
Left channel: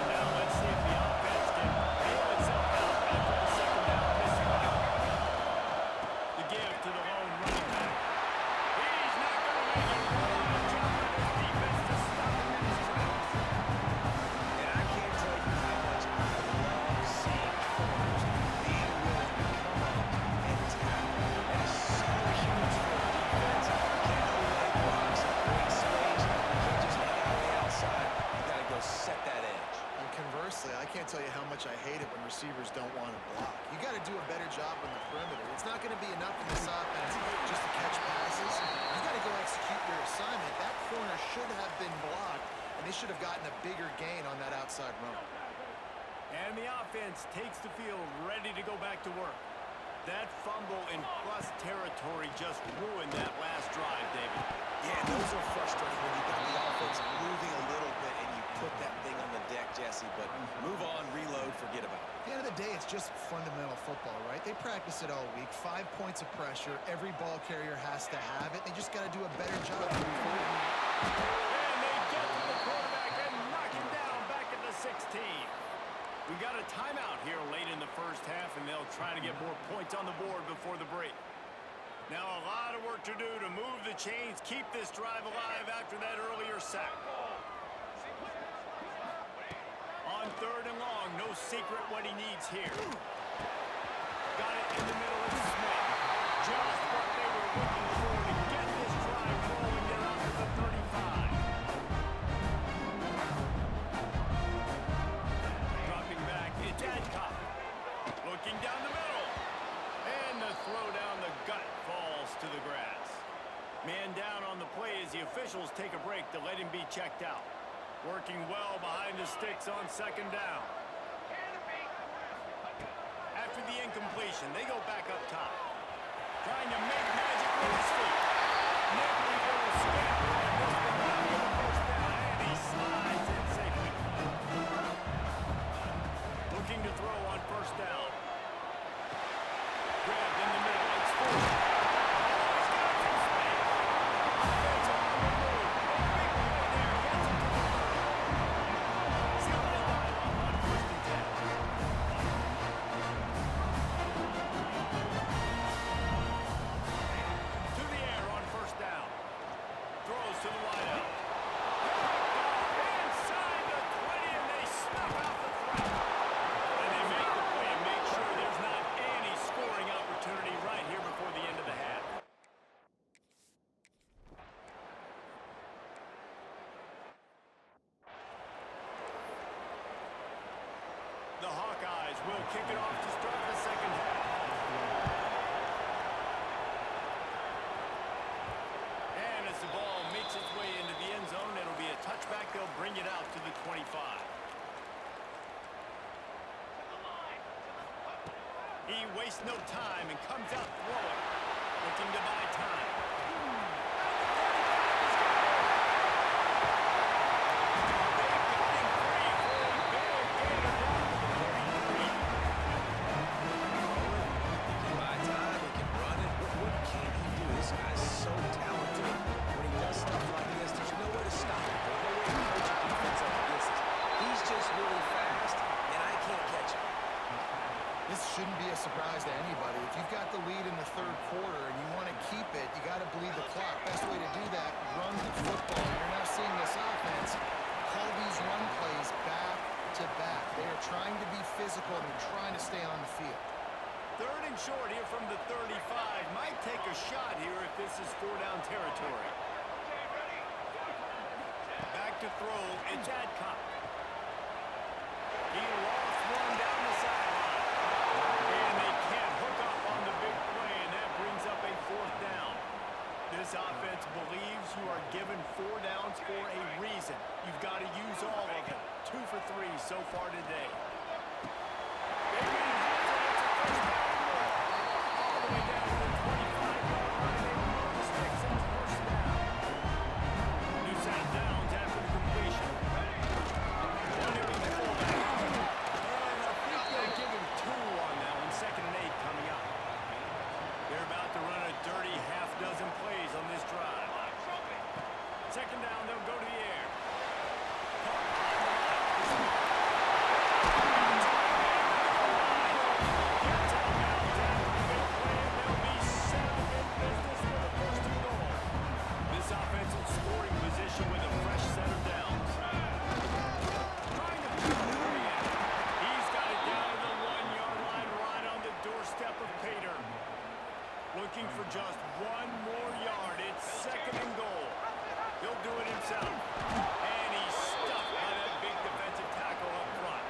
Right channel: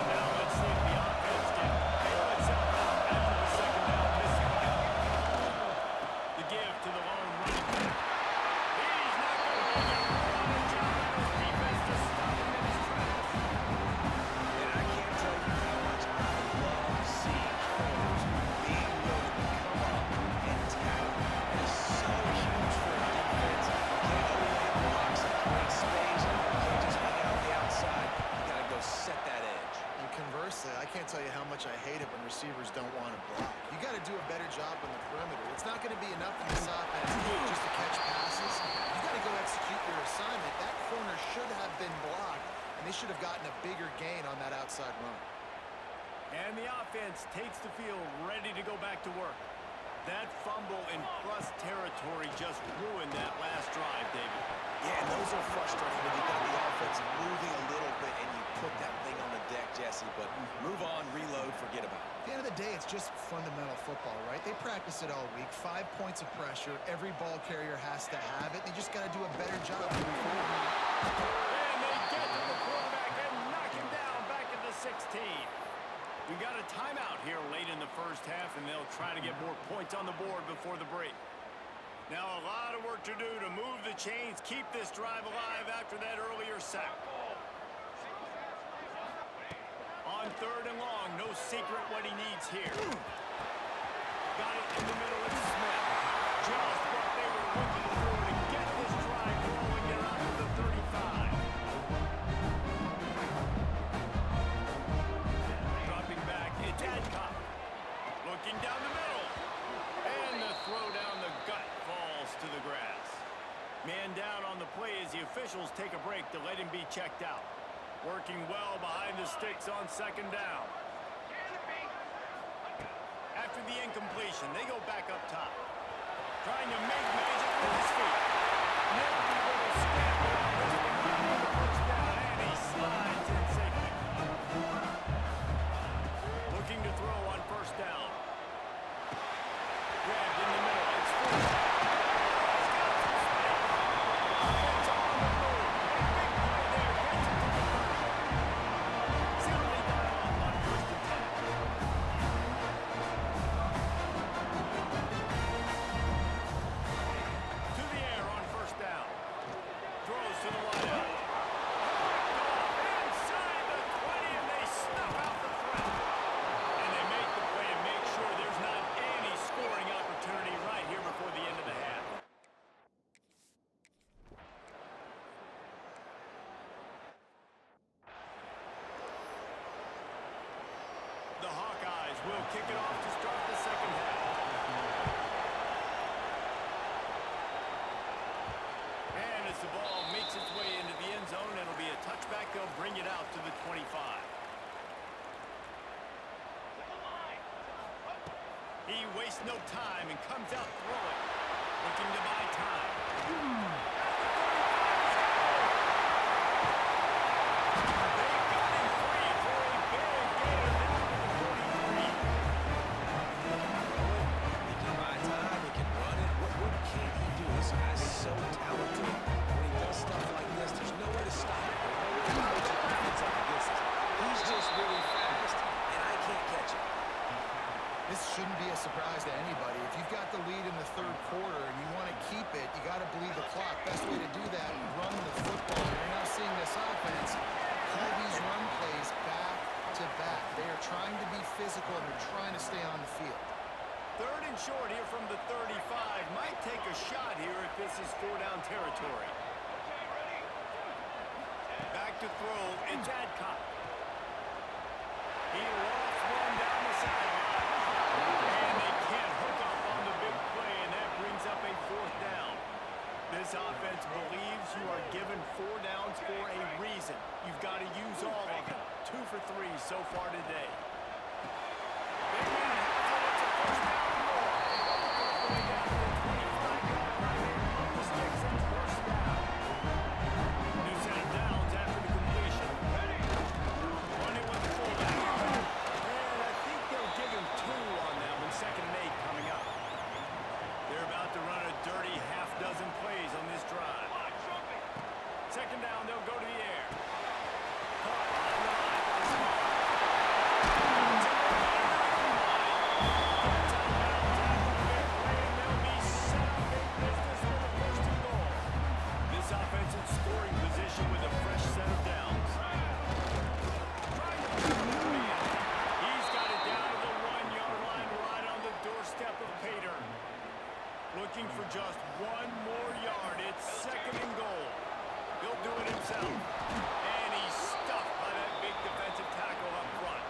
And now let's see if the offense can bail itself out after the 2nd down missing. The give to the lone running back. He's not going to make it. What a job by this defense to stop him in his tracks. And I can't tell you how much I love seeing corners being willing to come up and tackle. That is so huge for a defense. You can't overlay blocks and create space. You can't just hang out on the outside. You got to go set that edge. And conversely, I can't tell you how much I hate it when receivers don't want to block. You got to do a better job on the perimeter. It's not going to be enough in this offense just to catch passes. You got to go execute your assignment. That corner should have been blocked, and they should have gotten a bigger gain on that outside run. And the offense takes the field ready to go back to work. That fumble in plus territory just ruined that last drive, David. Yeah, and those are frustrating when you got the offense moving a little bit and you put that thing on the deck, Jesse. But move on, reload, forget about it. At the end of the day, it's just fundamental football, right? They practice it all week. 5 points of pressure. Every ball carrier has to have it. They just got to do a better job moving forward. And they get to the quarterback and knock him down back at the 16. We got a timeout here late in the first half, and they'll try to get more points on the board before the break. Now a lot of work to do to move the chains, keep this drive alive after that earlier sack. On 3rd and long, no secret what he needs here. Got it in the middle, it's Smith. Just what they were looking for to get this drive rolling there out to the 35. Dropping back, it's Adcock. Looking down the middle. And the throw down the gut falls to the grass. Man down on the play as the officials take a break to let him be checked out. Working well behind the sticks on 2nd down. After the incompletion, they go back up top. Trying to make magic with his feet. Nifty little scamper on this one, not for the first down, and he slides in safely. Looking to throw on 1st down. Grabbed in the middle, it's Ford. Oh, he's got some space. Offense on the move. A big play there, gets it to the 30. See what they dial up on 1st and 10. To the air on 1st down. Throws to the wideout. Picked off inside the 20, and they snuff out the threat. And they make the play and make sure there's not any scoring opportunity right here before the end of the half. The Hawkeyes will kick it off to start the 2nd half. And as the ball makes its way into the end zone, it'll be a touchback. They'll bring it out to the 25. He wastes no time and comes out throwing, looking to buy time. At the 35, he's got it. They got him free for a big gainer down to the 43. Throw it, he can buy time, he can run it. What can't he do? This guy's so talented. When he does stuff like this, there's no way to stop it. There's no way to coach a defense up against this. He's just really fast, and I can't catch him. This shouldn't be a surprise to anybody. If you've got the lead in the 3rd quarter and you want to keep it, you got to bleed the clock. Best way to do that, run the football. You're now seeing this offense call these run plays back to back. They are trying to be physical, and they're trying to stay on the field. 3rd and short here from the 35. Might take a shot here if this is 4-down territory. Back to throw, it's Adcock. He lost one down the sideline. And they can't hook up on the big play, and that brings up a 4th down. This offense believes you are given 4 downs for a reason. You've got to use all of them. 2 for 3 so far today. Big man has it. It's a 1st down and more. All the way down to the 25-yard line. They move the sticks, and it's 1st down. New set of downs after the completion. Run it with the fullback. And I think they'll give him 2 on that one. 2nd and 8 coming up. They're about to run a dirty half-dozen plays on this drive. 2nd down, they'll go to the air. Caught behind the line. It's Mark. Gets out of bounds after the big play, and they'll be set up in business with a 1st and goal. This offense in scoring position with a fresh set of downs. Trying to put it in. He's got it down to the 1-yard line, right on the doorstep of Pater. Looking for just 1 more yard. It's 2nd and goal. He'll do it himself. And he's stuffed by that big defensive tackle up front.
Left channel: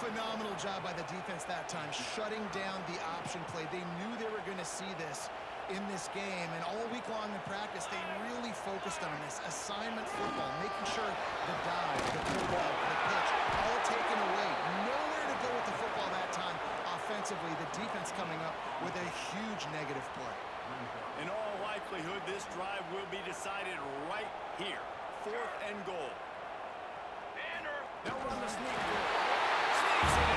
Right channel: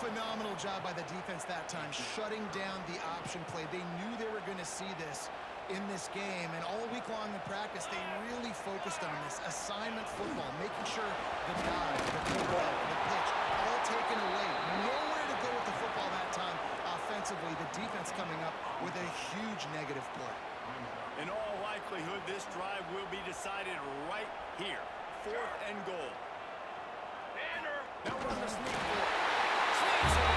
Phenomenal job by the defense that time, shutting down the option play. They knew they were going to see this in this game, and all week long in practice, they really focused on this assignment football, making sure the dive, the pullback, the pitch, all taken away. Nowhere nowhere to go with the football that time offensively. The defense coming up with a huge negative play. In all likelihood, this drive will be decided right here. 4th and goal. They'll run the sneak for it. Sneaks it in.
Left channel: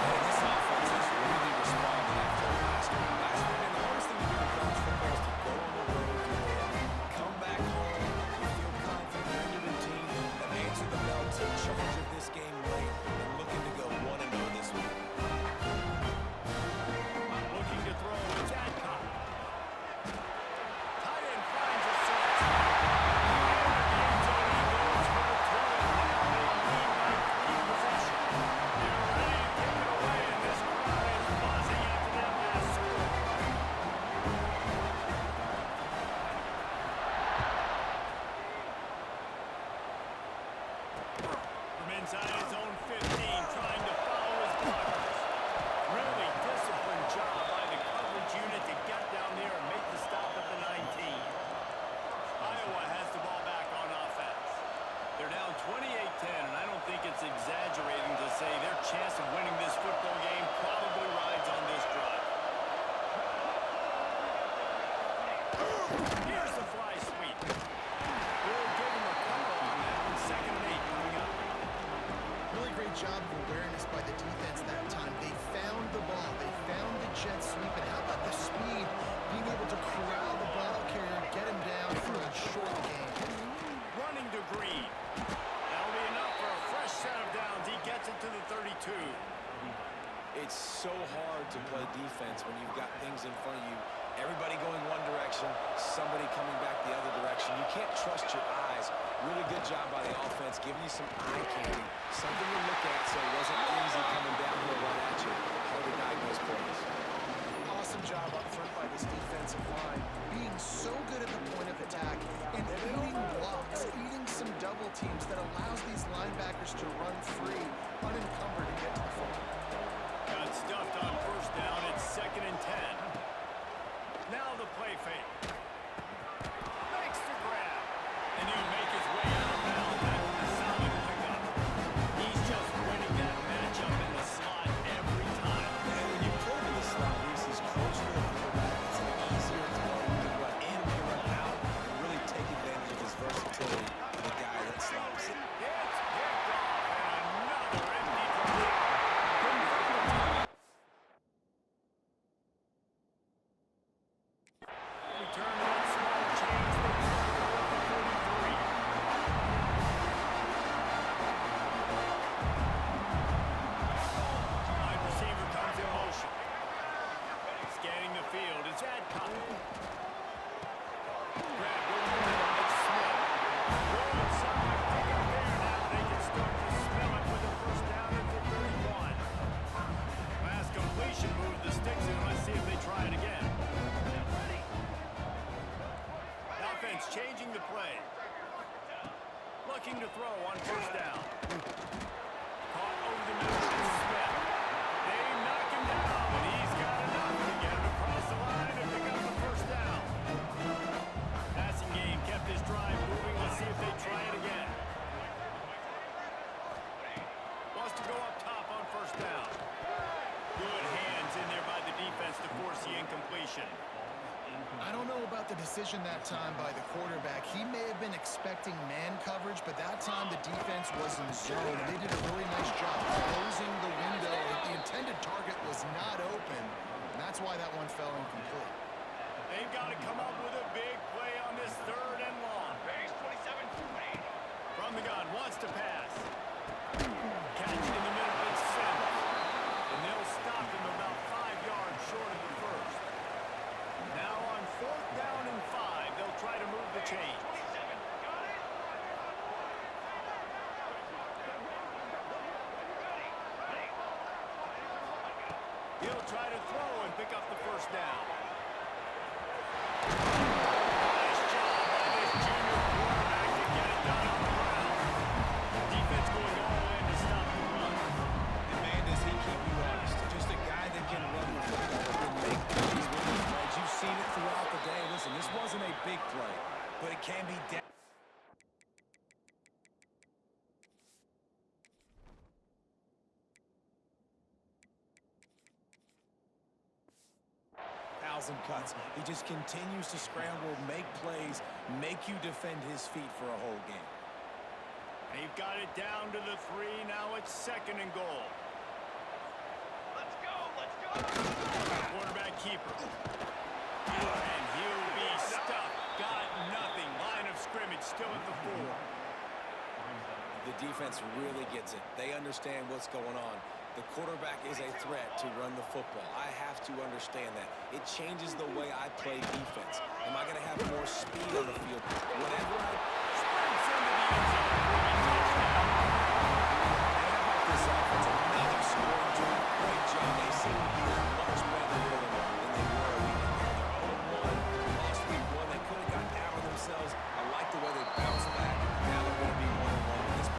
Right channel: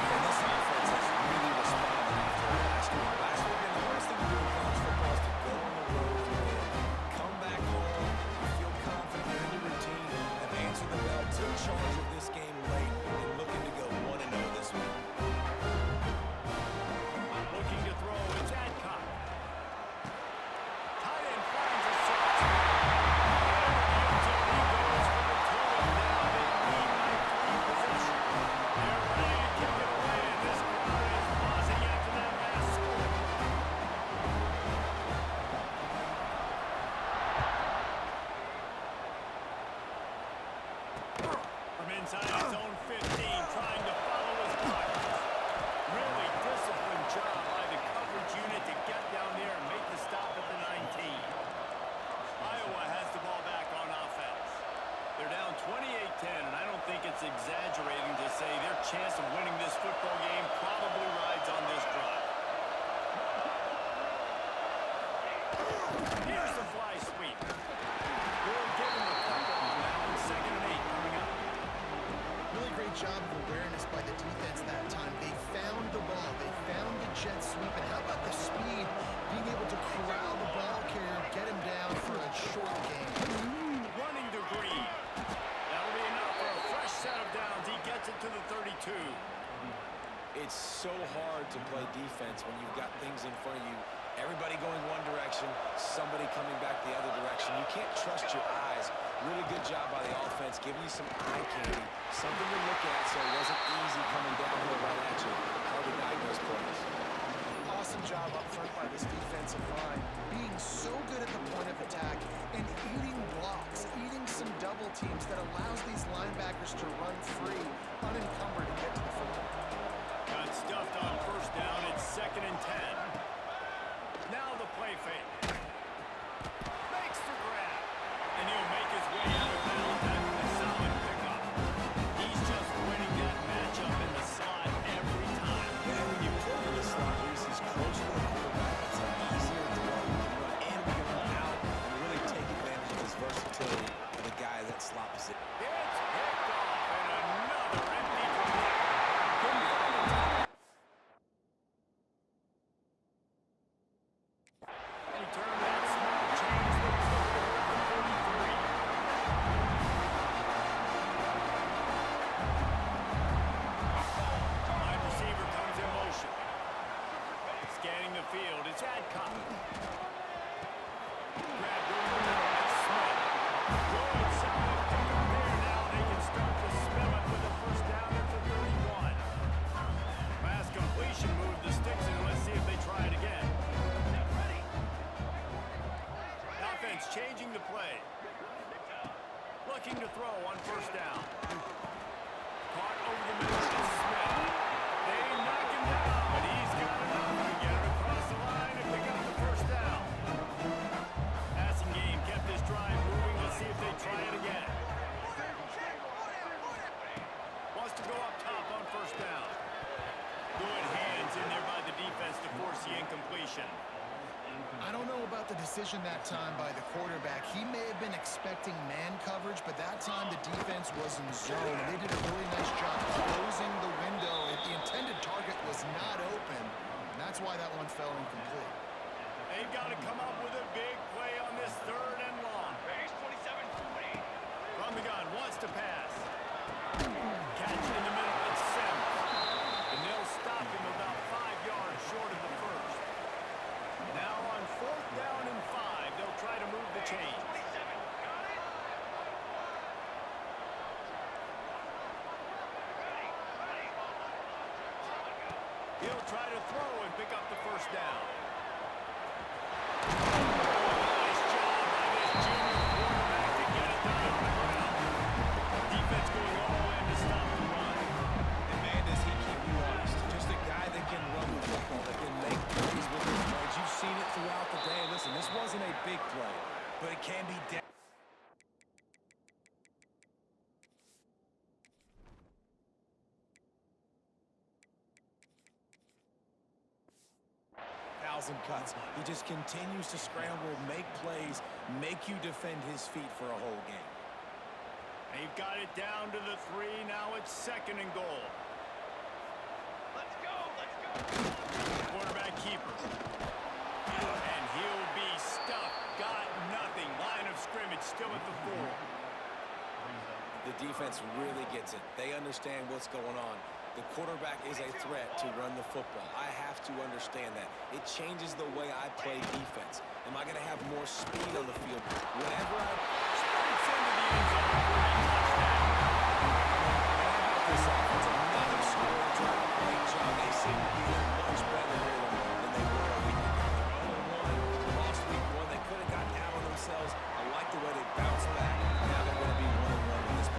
Man, this offense has really responded after last week. Last week, and the hardest thing to do in college football is to go on the road and win. Come back home, you feel confident, you're in your routine, have answered the bell, took charge of this game late, and looking to go 1-0 this week. Looking to throw, it's Adcock. Tight end finds a source. And the end zone, he goes for the 2, and now they lead by 3 possession. They're ready to kick it away, and this crowd is buzzing after that last score. From inside his own 15, trying to follow his blockers. Really disciplined job by the coverage unit to get down there and make the stop at the 19. Iowa has the ball back on offense. They're down 28-10, and I don't think it's exaggerating to say their chance of winning this football game probably rides on this drive. Here's the fly sweep. We'll give him a couple on that one. 2nd and 8 coming up. Really great job of awareness by the defense that time. They found the ball. They found the jet sweep. And how about the speed? Being able to corral the ball carrier, get him down for a short gain. Running to Green. That'll be enough for a fresh set of downs. He gets it to the 32. It's so hard to play defense when you've got things in front of you. Everybody going one direction, somebody coming back the other direction. You can't trust your eyes. Really good job by the offense, giving you some eye candy, something to look at so it wasn't easy coming downhill right at you. Hard to diagnose plays. Awesome job up front by this defensive line, being so good at the point of attack and eating blocks, eating some double teams that allows these linebackers to run free, unencumbered, and get to the football. Got stuffed on 1st down. It's 2nd and 10. Now the play fake. Makes the grab. And he'll make his way out of bounds after the solid pickup. He's just winning that matchup in the slot every time. And when you put him in the slot, Reese, he's closer to the quarterback. It's an easier throw. We can run in, we can run out, and really take advantage of his versatility of the guy that slot position. It's picked off, and another empty drop. Couldn't find the top. Return to that small change that took her at the 43. Wide receiver comes in motion. Scanning the field, it's Adcock. Grabbed over the middle, it's Smith. Good, solid pickup there. Now they can start to smell it with a 1st down at the 31. Last completion moved the sticks in. Let's see if they try it again. Offense changing the play. Looking to throw on 1st down. Caught over the middle, it's Smith. They knock him down, but he's got enough to get it across the line and pick up the 1st down. Passing game kept this drive moving. Let's see if they try it again. Wants to go up top on 1st down. Good hands in there by the defense to force the incompletion. I don't know about the decision that time by the quarterback. He may have been expecting man coverage, but that time the defense was in zone. They did a really nice job closing the window. The intended target was not open, and that's why that one fell incomplete. They've got to come up with a big play on this 3rd and long. From the gun, wants to pass. Catch in the middle, it's Sims. And they'll stop him about 5 yards short of the 1st. Now on 4th down and 5, they'll try to move the chains. He'll try to throw and pick up the 1st down. Nice job by this junior quarterback to get it done on the ground. Defense going all in to stop the run. And man, does he keep you honest. Just a guy that can run the football, that can make plays with his legs. You've seen it throughout the day. Listen, this wasn't a big play, but it can be calls and cuts. He just continues to scramble, make plays, make you defend his feet for a whole game. They've got it down to the 3. Now it's 2nd and goal. Let's go, let's go. Quarterback keeper. And he'll be stuffed. Got nothing. Line of scrimmage still at the 4. The defense really gets it. They understand what's going on. The quarterback is a threat to run the football. I have to understand that. It changes the way I play defense. Am I going to have more speed on the field? Whatever I... Sprints into the end zone for a touchdown. And how about this offense? Another scoring drive. Great job. They seem to be in much better rhythm than they were a week ago. They're 0-1. Lost week 1. They could have gotten out on themselves. I like the way they bounced back. Now they're going to be 1-1 with this.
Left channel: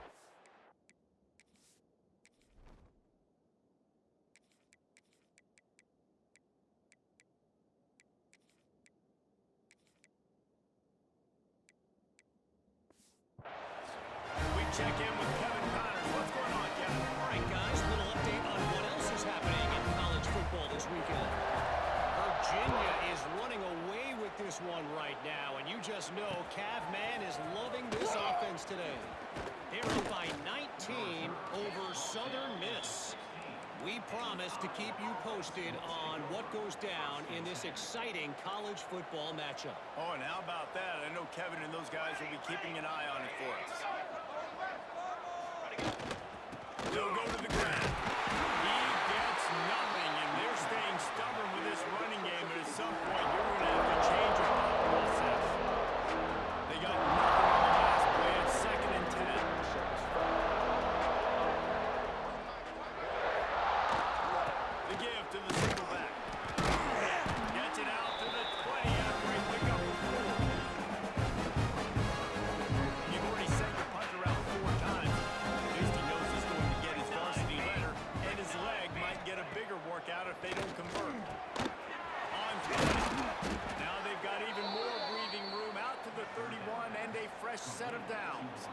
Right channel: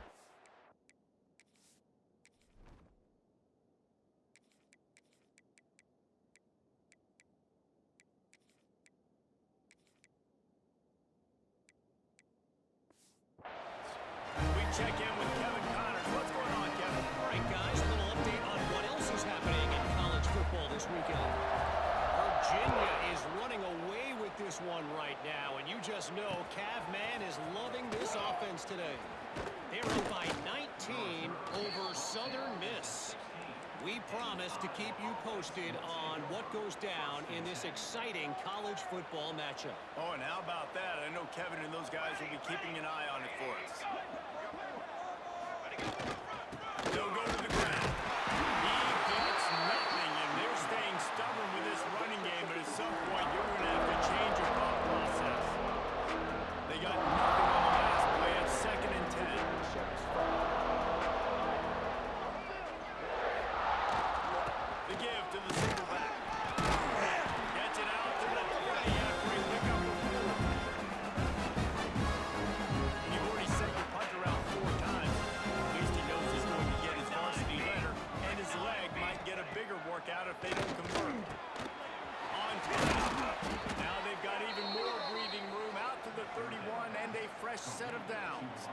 We check in with Kevin Connors. What's going on, Kevin? All right, guys, a little update on what else is happening in college football this weekend. Virginia is running away with this one right now, and you just know Cav Man is loving this offense today. They're up by 19 over Southern Miss. We promise to keep you posted on what goes down in this exciting college football matchup. Oh, and how about that? I know Kevin and those guys will be keeping an eye on it for us. They'll go to the ground. He gets nothing, and they're staying stubborn with this running game, but at some point you're going to have to change your thought process. They got nothing on the last play. It's 2nd and 10. The give to the single back. Gets it out to the 20 after he picked up a 4. And you've already sent your punter out 4 times. At least he knows he's going to get his varsity letter, and his leg might get a bigger workout if they don't convert. On time. Now they've got even more breathing room out to the 31 and a fresh set of downs.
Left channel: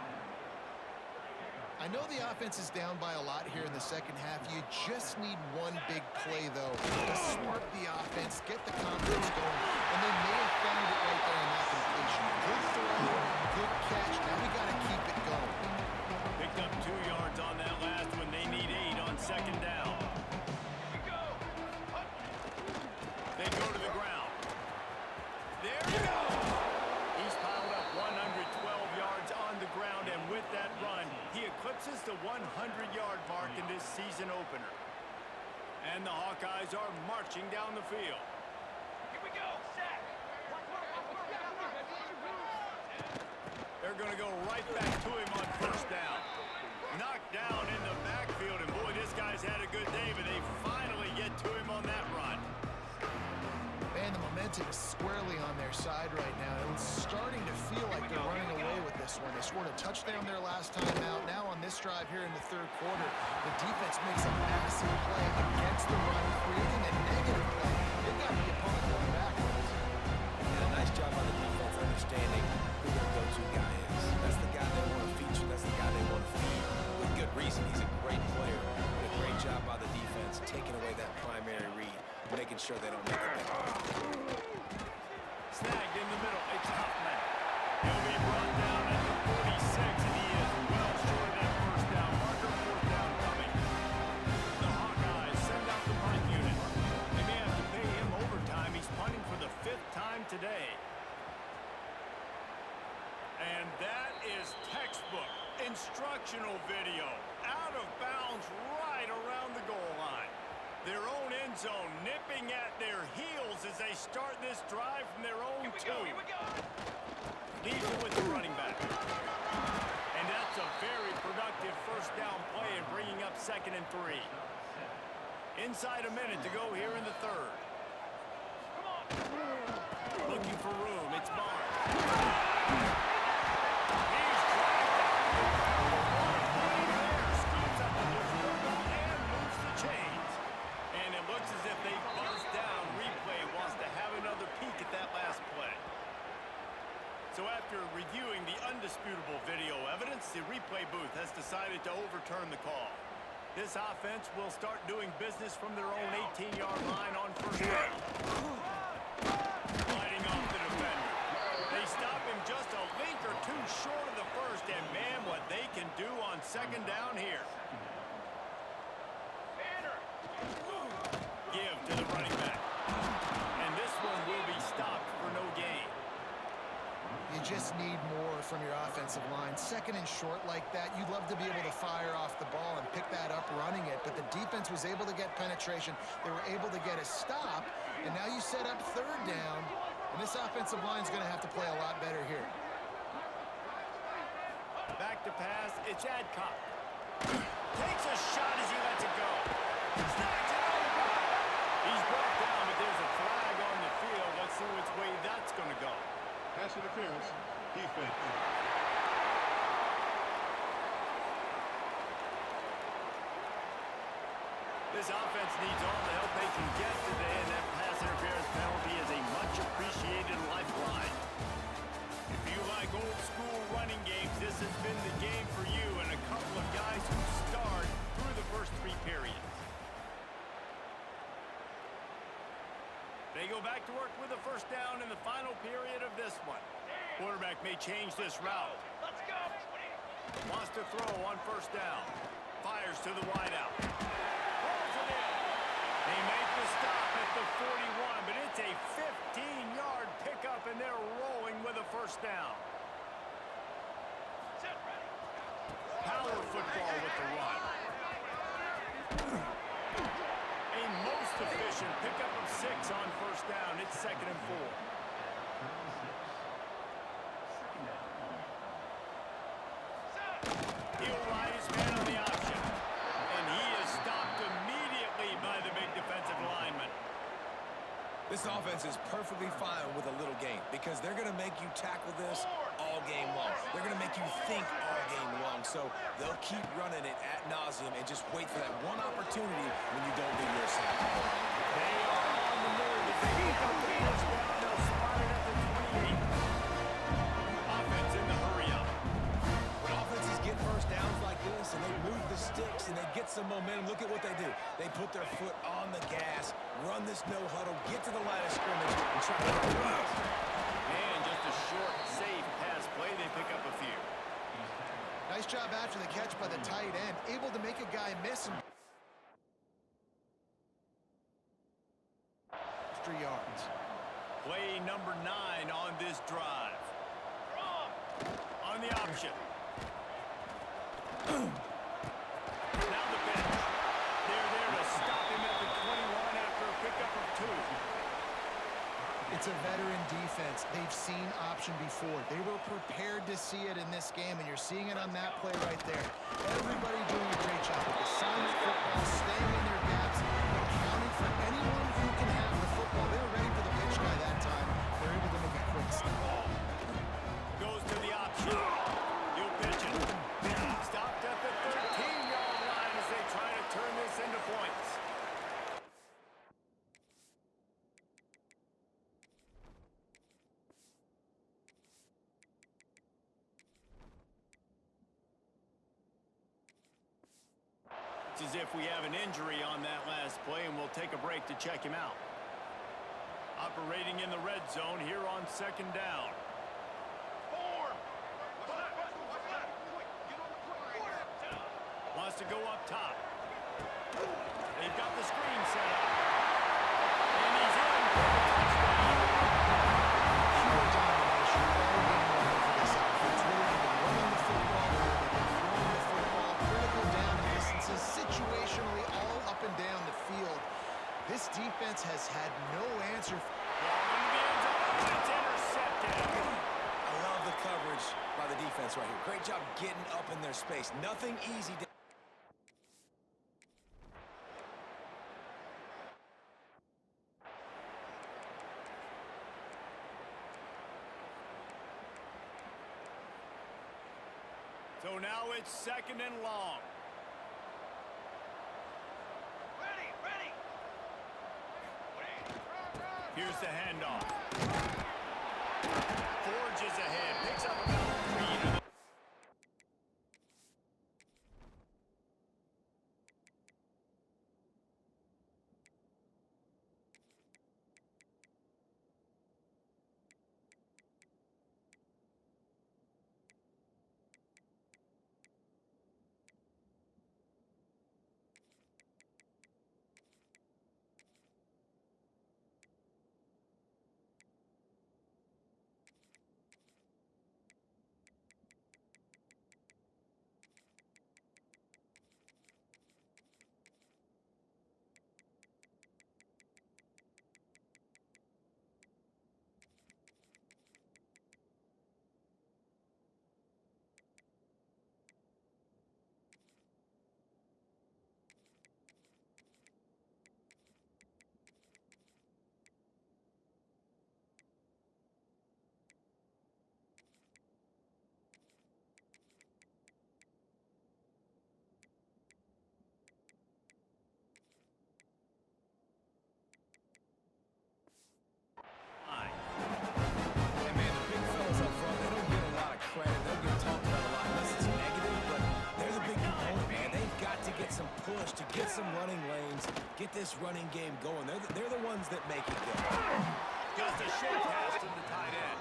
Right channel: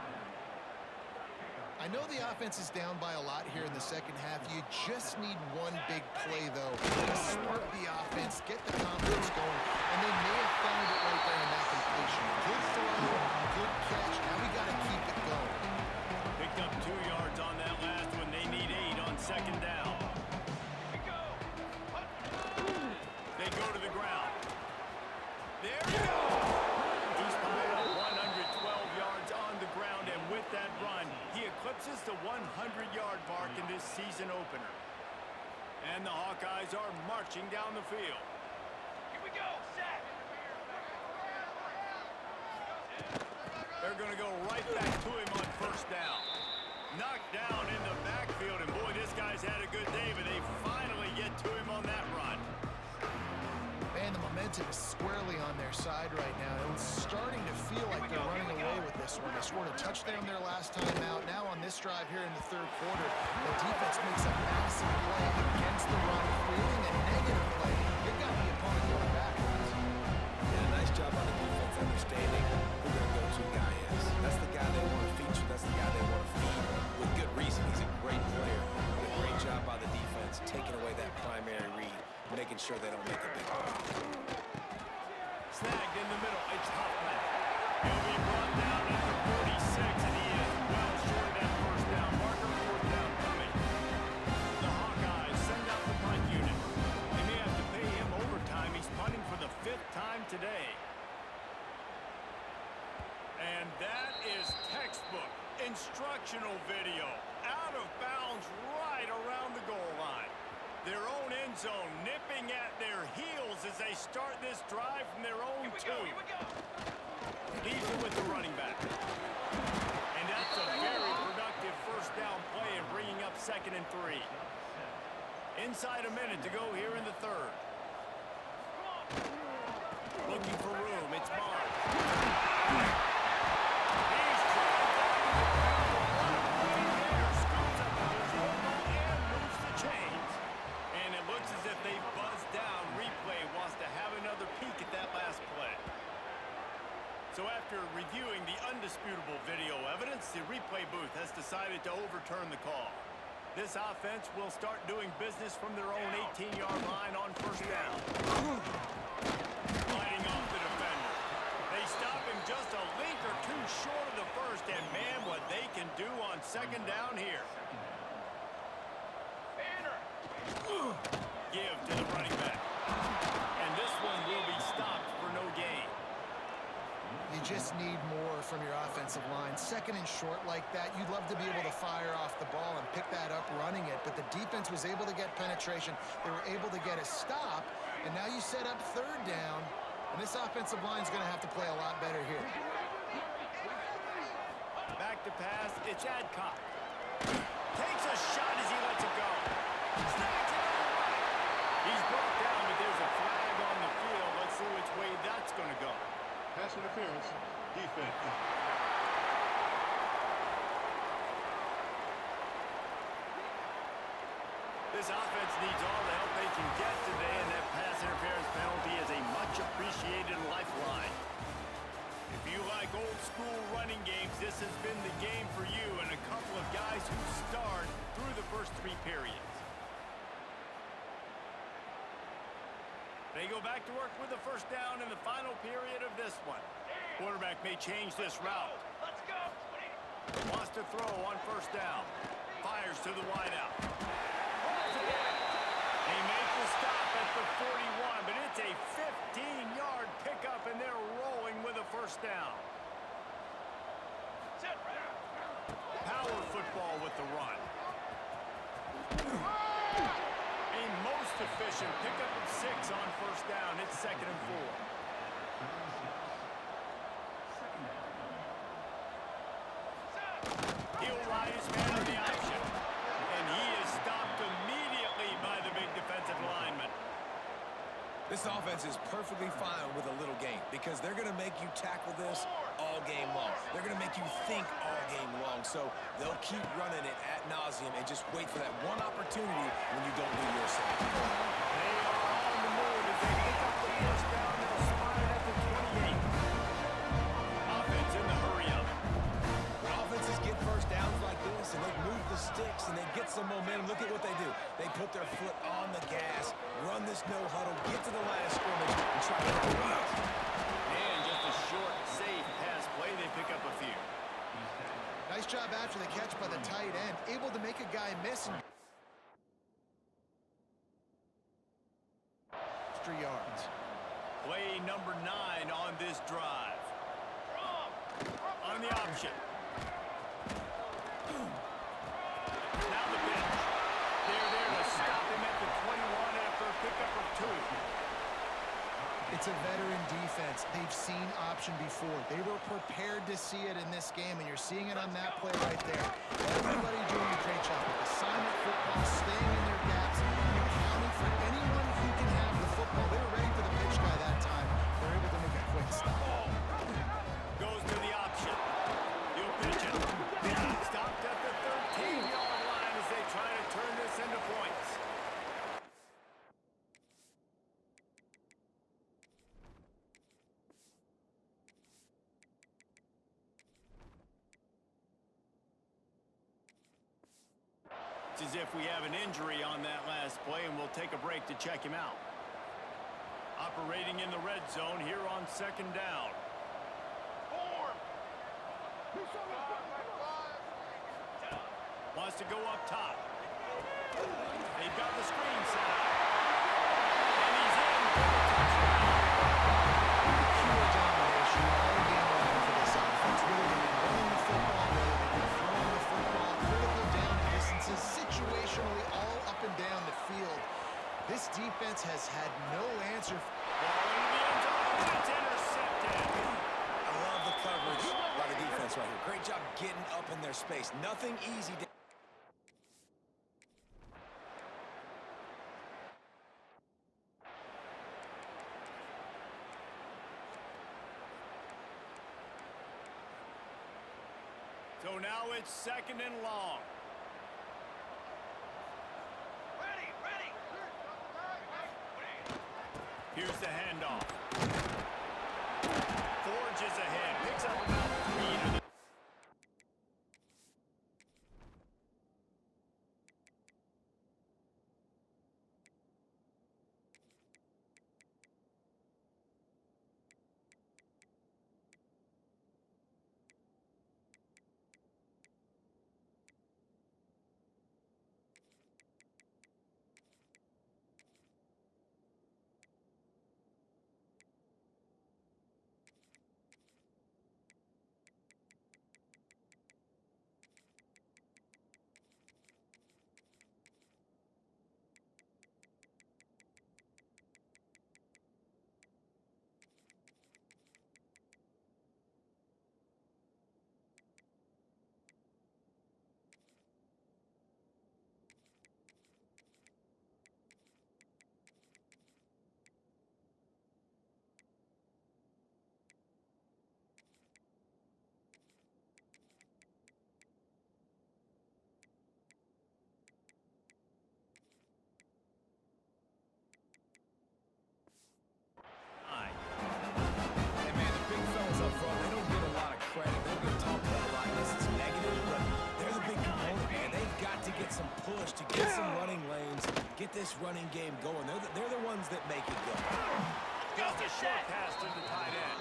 I know the offense is down by a lot here in the second half. You just need one big play, though, to spark the offense, get the confidence going, and they may have found it right there in that completion. Good throw, good catch. Now we got to keep it going. Picked up 2 yards on that last one. They need 8 on 2nd down. Here we go. They go to the ground. There he goes. He's piled up 112 yards on the ground, and with that run, he eclipses the 100-yard mark in this season opener. And the Hawkeyes are marching down the field. Here we go, sack. They're going to go right back to him on 1st down. Knocked down in the backfield, and boy, this guy's had a good day, but they finally get to him on that run. Man, the momentum is squarely on their side right now. It's starting to feel like they're running away with this one. They scored a touchdown their last time out. Now on this drive here in the 3rd quarter, the defense makes a massive play against the run, creating a negative play. They've got the opponent going backwards. Yeah, nice job on the defense understanding who their go-to guy is. That's the guy they want to feature. That's the guy they want to feed. With good reason. He's a great player. But a great job by the defense, taking away that primary read, making sure they don't make a big play. Snagged in the middle. It's Huffman. He'll be brought down at the 46, and he is well short of that 1st down marker. 4th down coming. The Hawkeyes send out the punt unit. They may have to pay him overtime. He's punting for the 5th time today. And that is textbook instructional video. Out of bounds right around the goal line. Their own end zone nipping at their heels as they start this drive from their own 2. Here we go. Leaves it with the running back. And that's a very productive 1st down play and bringing up 2nd and 3. Inside a minute to go here in the 3rd. Come on. Looking for room. It's Barnes. He's dragged down to the ground. What a play there. Scoops up the loose football and moves the chains. And it looks as if they've buzzed down. Replay wants to have another peek at that last play. So after reviewing the undisputable video evidence, the replay booth has decided to overturn the call. This offense will start doing business from their own 18-yard line on 1st down. do on second down here. Banner. Give to the running back. And this one will be stopped for no gain. You just need more from your offensive line. Second and short like that, you'd love to be able to fire off the ball and pick that up running it, but the defense was able to get penetration. They were able to get a stop, and now you set up third down, and this offensive line is going to have to play a lot better here. Back to pass, it's Adcock. Takes a shot as he lets it go. Snags it over. He's brought down, but there's a flag on the field. Let's see which way that's going to go. Pass interference, defense. This offense needs all the help they can get today, and that pass interference penalty is a much appreciated lifeline. If you like old school running games, this has been the game for you and a couple of guys who starred through the first 3 periods. They go back to work with a first down in the final period of this one. Quarterback may change this route. Let's go. Wants to throw on first down. Fires to the wideout. Rolls it in. They make the stop at the 41, but it's a 15-yard pickup, and they're rolling with a first down. Set ready. Power football with the run. A most efficient pickup of 6 on first down. It's 2nd and 4. He'll ride his man on the option. And he is stopped immediately by the big defensive lineman. This offense is perfectly fine with a little game because they're going to make you tackle this all game long. They're going to make you think all game long. So they'll keep running it ad nauseum and just wait for that one opportunity when you don't do your assignment. They are on the move as they pick up the first down. They'll spot it at the 28. Offense in the hurry up. When offenses get first downs like this and they move the sticks and they get some momentum, look at what they do. They put their foot on the gas, run this no huddle, get to the line of scrimmage, and try to get runs. And just a short, safe pass play. They pick up a few. Nice job after the catch by the tight end, able to make a guy miss and extra yards. Play number 9 on this drive. On the option. Now the pitch. They're there to stop him at the 21 after a pickup of 2. It's a veteran defense. They've seen option before. They were prepared to see it in this game, and you're seeing it on that play right there. Everybody doing a great job with assignment football, staying in their gaps, and accounting for anyone who can have the football. They were ready for the pitch guy that time. They're able to make a quick stop. Goes to the option. He'll pitch it. Stopped at the 13-yard line as they try to turn this into points. It's as if we have an injury on that last play, and we'll take a break to check him out. Operating in the red zone here on second down. Form. Wants to go up top. They've got the screen set up. And he's in for the touchdown. Pure domination all game long for this offense. Whether they've been running the football, whether they've been throwing the football, critical down and distances, situationally all up and down the field. This defense has had no answer. Ball into the end zone. It's intercepted. I love the coverage by the defense right here. Great job getting up in their space. Nothing easy to So now it's 2nd and long. Ready. Here's the handoff. Forges ahead. Picks up about 3 to the push to get some running lanes, get this running game going. They're the ones that make it go. Just a short pass to the tight end.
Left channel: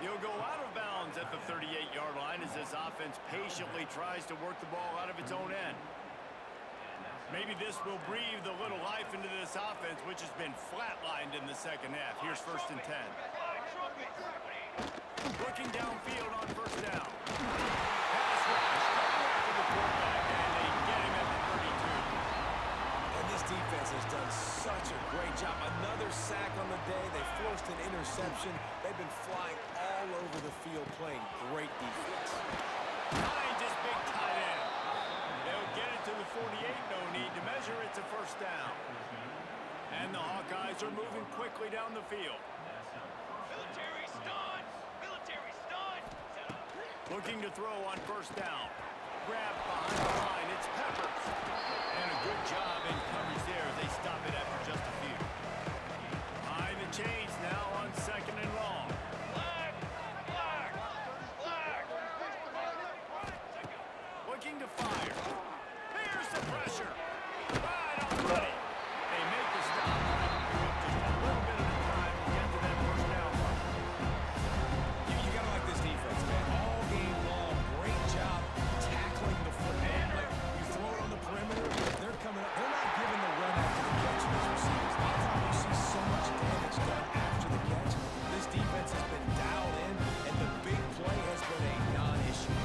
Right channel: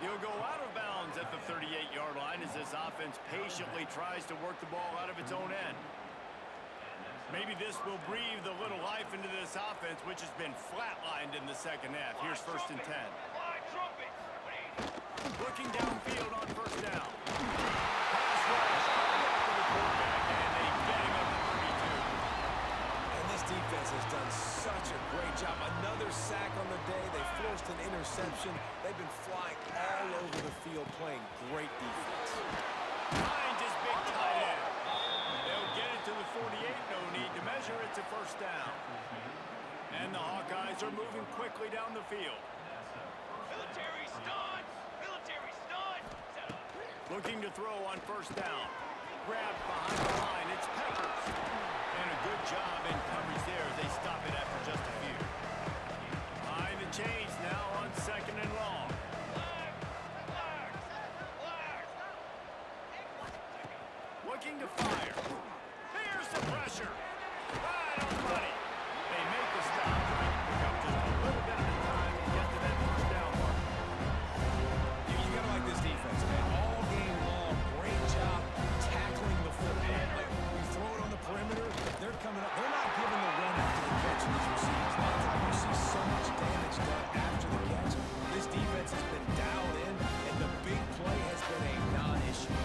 He'll go out of bounds at the 38-yard line as this offense patiently tries to work the ball out of its own end. Maybe this will breathe a little life into this offense, which has been flatlined in the second half. Here's 1st and 10. Looking downfield on 1st down. Pass rush coming after the quarterback, and they get him at the 32. And this defense has done such a great job. Another sack on the day. They forced an interception. They've been flying all over the field, playing great defense. Finds his big tight end. They'll get it to the 48. No need to measure. It's a 1st down. And the Hawkeyes are moving quickly down the field. Military stun! Military stun! Set up. Looking to throw on 1st down. Grabbed behind the line. It's Peppers. And a good job in coverage there as they stop it after just a few. Behind the chains now on 2nd and long. Flag! Flag! Flag! Looking to fire. Here's the pressure. Right on the money. They make the stop, trying to pick up just a little bit at a time to get to that 1st down mark. You got to like this defense, man. All game long, great job tackling the football. Like, you throw it on the perimeter, they're coming up. They're not giving the run after the catch in these receivers. A lot of times you see so much damage done after the catch. This defense has been dialed in, and the big play has been a non-issue.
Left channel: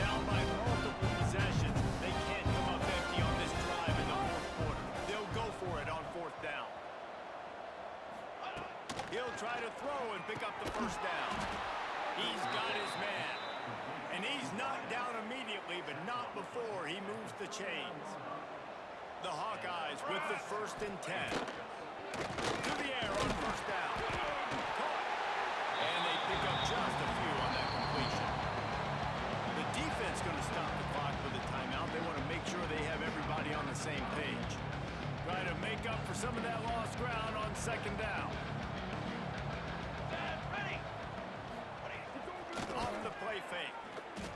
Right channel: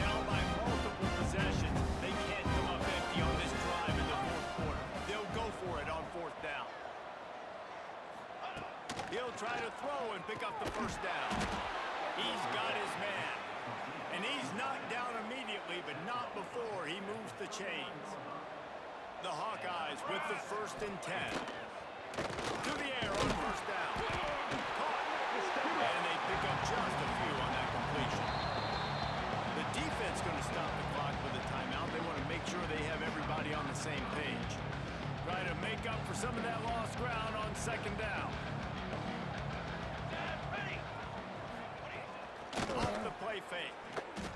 Down by multiple possessions. They can't come up empty on this drive in the 4th quarter. They'll go for it on 4th down. He'll try to throw and pick up the 1st down. He's got his man. And he's knocked down immediately, but not before he moves the chains. The Hawkeyes with the 1st and 10. To the air on 1st down. Caught. And they pick up just a few on that completion. The defense going to stop the clock with a timeout. They want to make sure they have everybody on the same page. Try to make up for some of that lost ground on 2nd down. Ready! Off the play fake.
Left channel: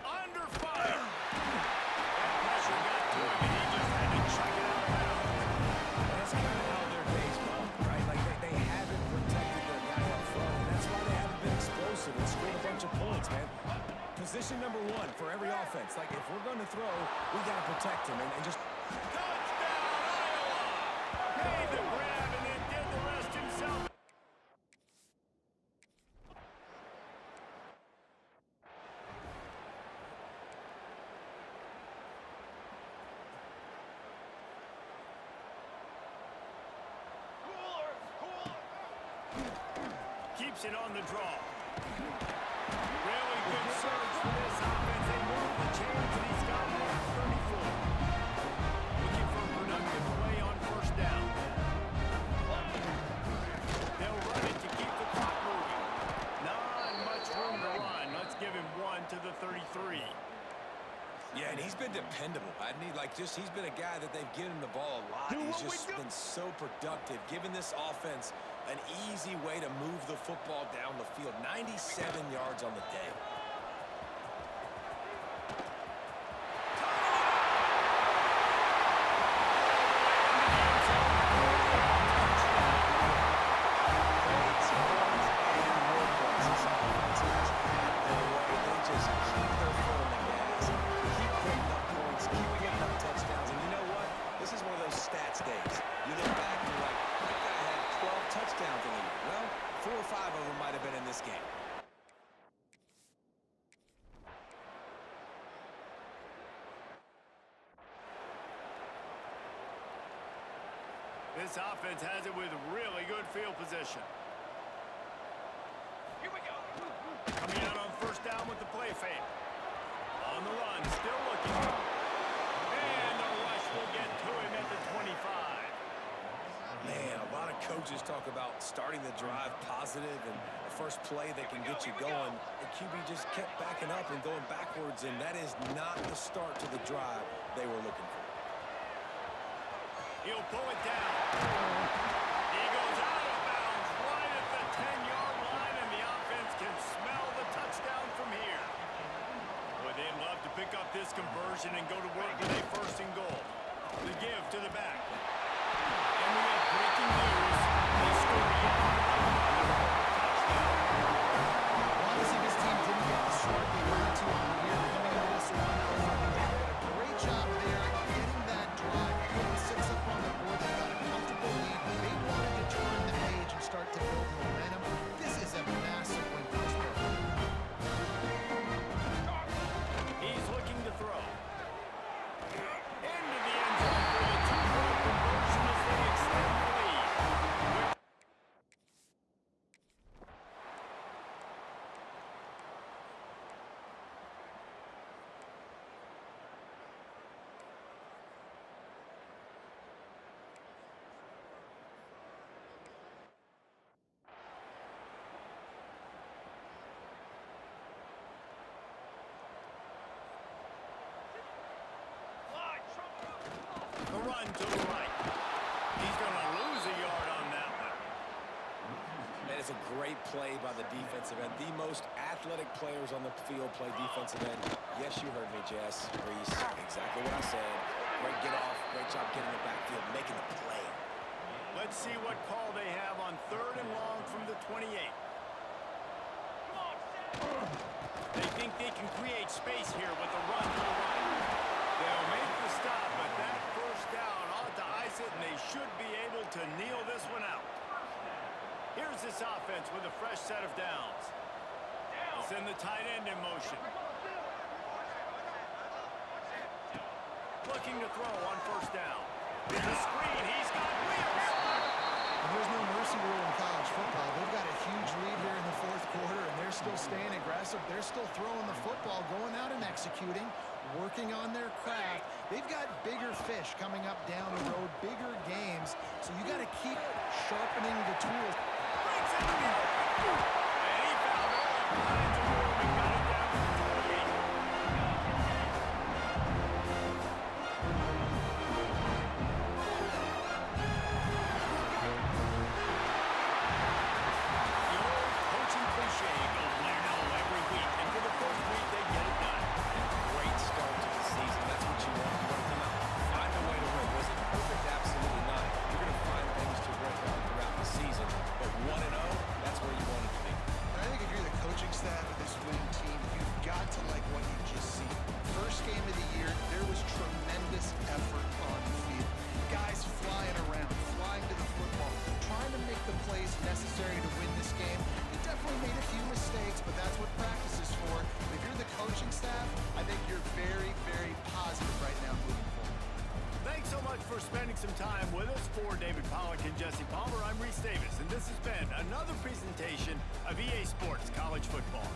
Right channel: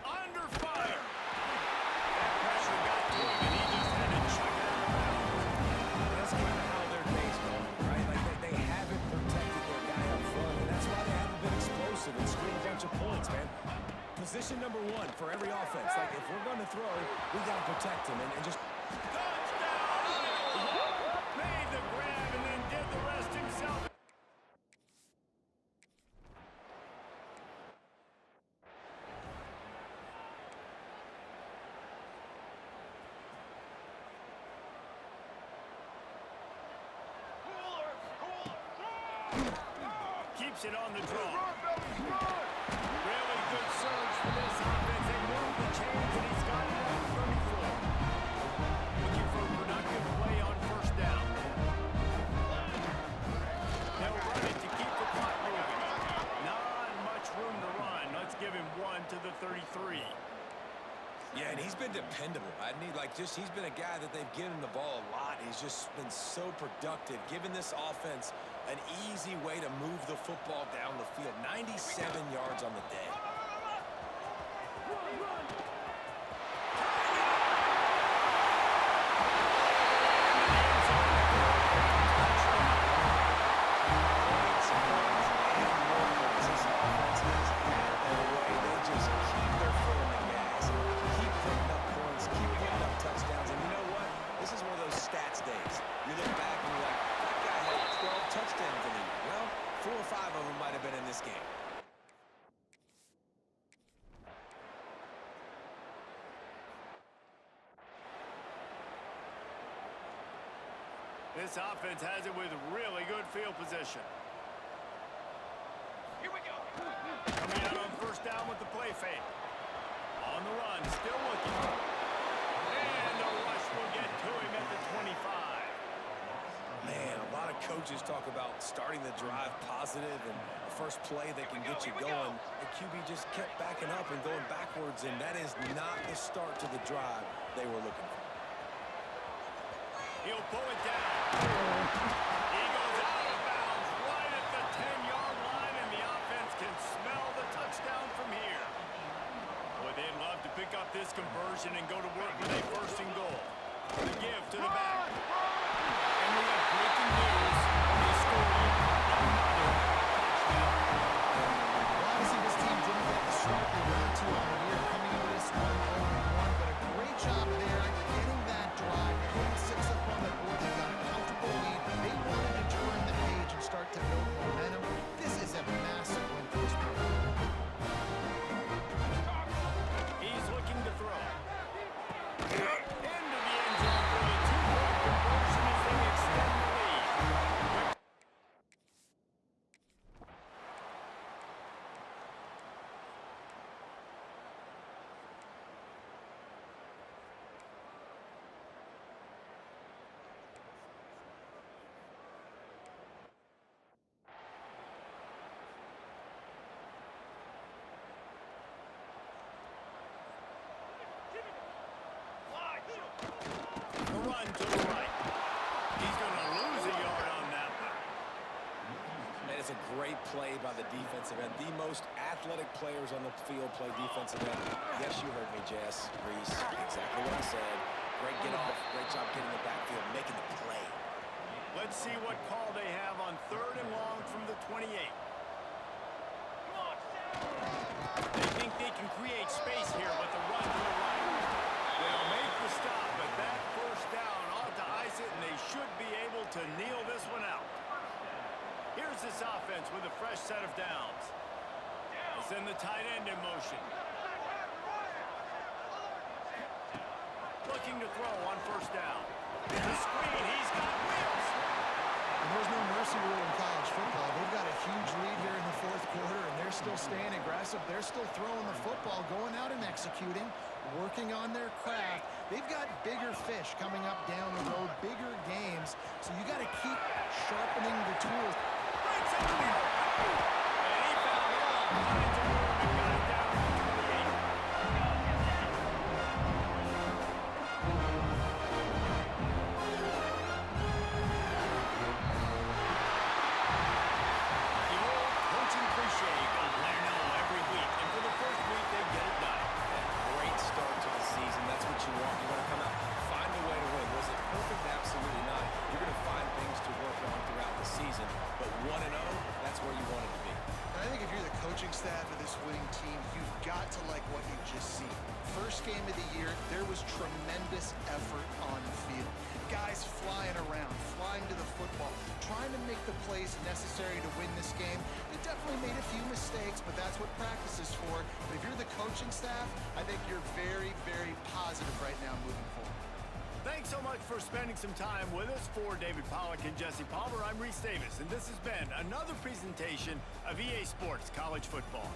Under fire. That pressure got to him, and he just had to chuck it out of bounds. That's kind of how their day's gone, right? Like, they haven't protected their guy up front, and that's why they haven't been explosive and scored a bunch of points, man. Position number 1 for every offense. Like, if we're going to throw, we got to protect him and just... Touchdown, Iowa! Made the grab and then did the rest himself. Cooler! Cooler! Keeps it on the draw. Really good surge for this offense. They move the chains, and he's got it at 34. Looking for a productive play on 1st down. They'll run it to keep the clock moving. Not much room to run. Let's give him 1 to the 33. Yeah, and he's been dependable. He's been a guy that they've given the ball a lot. He's just been so productive, giving this offense an easy way to move the football down the field. 97 yards on the day. Stats days. You look back and you're like, that guy had 12 touchdowns in a year. Well, 4 or 5 of them might have been in this game. This offense has it with really good field position. Here we go! Coming out on 1st down with the play fake. On the run, still looking. And the rush will get to him at the 25. Man, a lot of coaches talk about starting the drive positive and the first play that can get you going. The QB just kept backing up and going backwards, and that is not the start to the drive they were looking for. He'll pull it down. He goes out of bounds right at the 10-yard line, and the offense can smell the touchdown from here. Boy, they'd love to pick pick up this conversion and go to work with a first and goal. The give to the back. And we have breaking news. They score yet another touchdown. Well, obviously this team didn't get the start they wanted to on the year, coming into this one 0-1, but a great job there getting that drive, putting 6 up on the board. They got a comfortable lead. They wanted to turn the page and start to build momentum. This is a massive win for this program. He's looking to throw. Into the end zone for the 2-point conversion as they extend the lead. The run to the right. He's going to lose a yard on that one. And it's a great play by the defensive end. The most athletic players on the field play defensive end. Yes, you heard me, Jess, Reese. Exactly what I said. Great get off. Great job getting the backfield, making the play. Let's see what call they have on 3rd and long from the 28. Come on, Sam. They think they can create space here with the run to the right. They'll make the stop, but that first down ought to ice it, and they should be able to kneel this one out. Here's this offense with a fresh set of downs. They send the tight end in motion. Looking to throw on 1st down. The screen, he's got wheels. And there's no mercy rule in college football. They've got a huge lead here in the 4th quarter, and they're still staying aggressive. They're still throwing the football, going out and executing, working on their craft. They've got bigger fish coming up down the road, bigger games, so you got to keep sharpening the tools. Brings it to the open. And he found all kinds of room and got it down to the 28. The old coaching cliche, go win-0 every week. And for the first week, they get it done. Great start to the season. That's what you want. You want to come out, find a way to win. Was it perfect? Absolutely not. You're going to find things to work on throughout the season. But 1-0, that's where you want it to be. And I think if you're the coaching staff of this winning team, you've got to like what you just seen. First game of the year, there was tremendous effort on the field. Guys flying around, flying to the football, trying to make the plays necessary to win this game. They definitely made a few mistakes, but that's what practice is for. But if you're the coaching staff, I think you're very, very positive right now moving forward. Thanks so much for spending some time with us. For David Pollack and Jesse Palmer, I'm Reese Davis, and this has been another presentation of EA Sports College Football.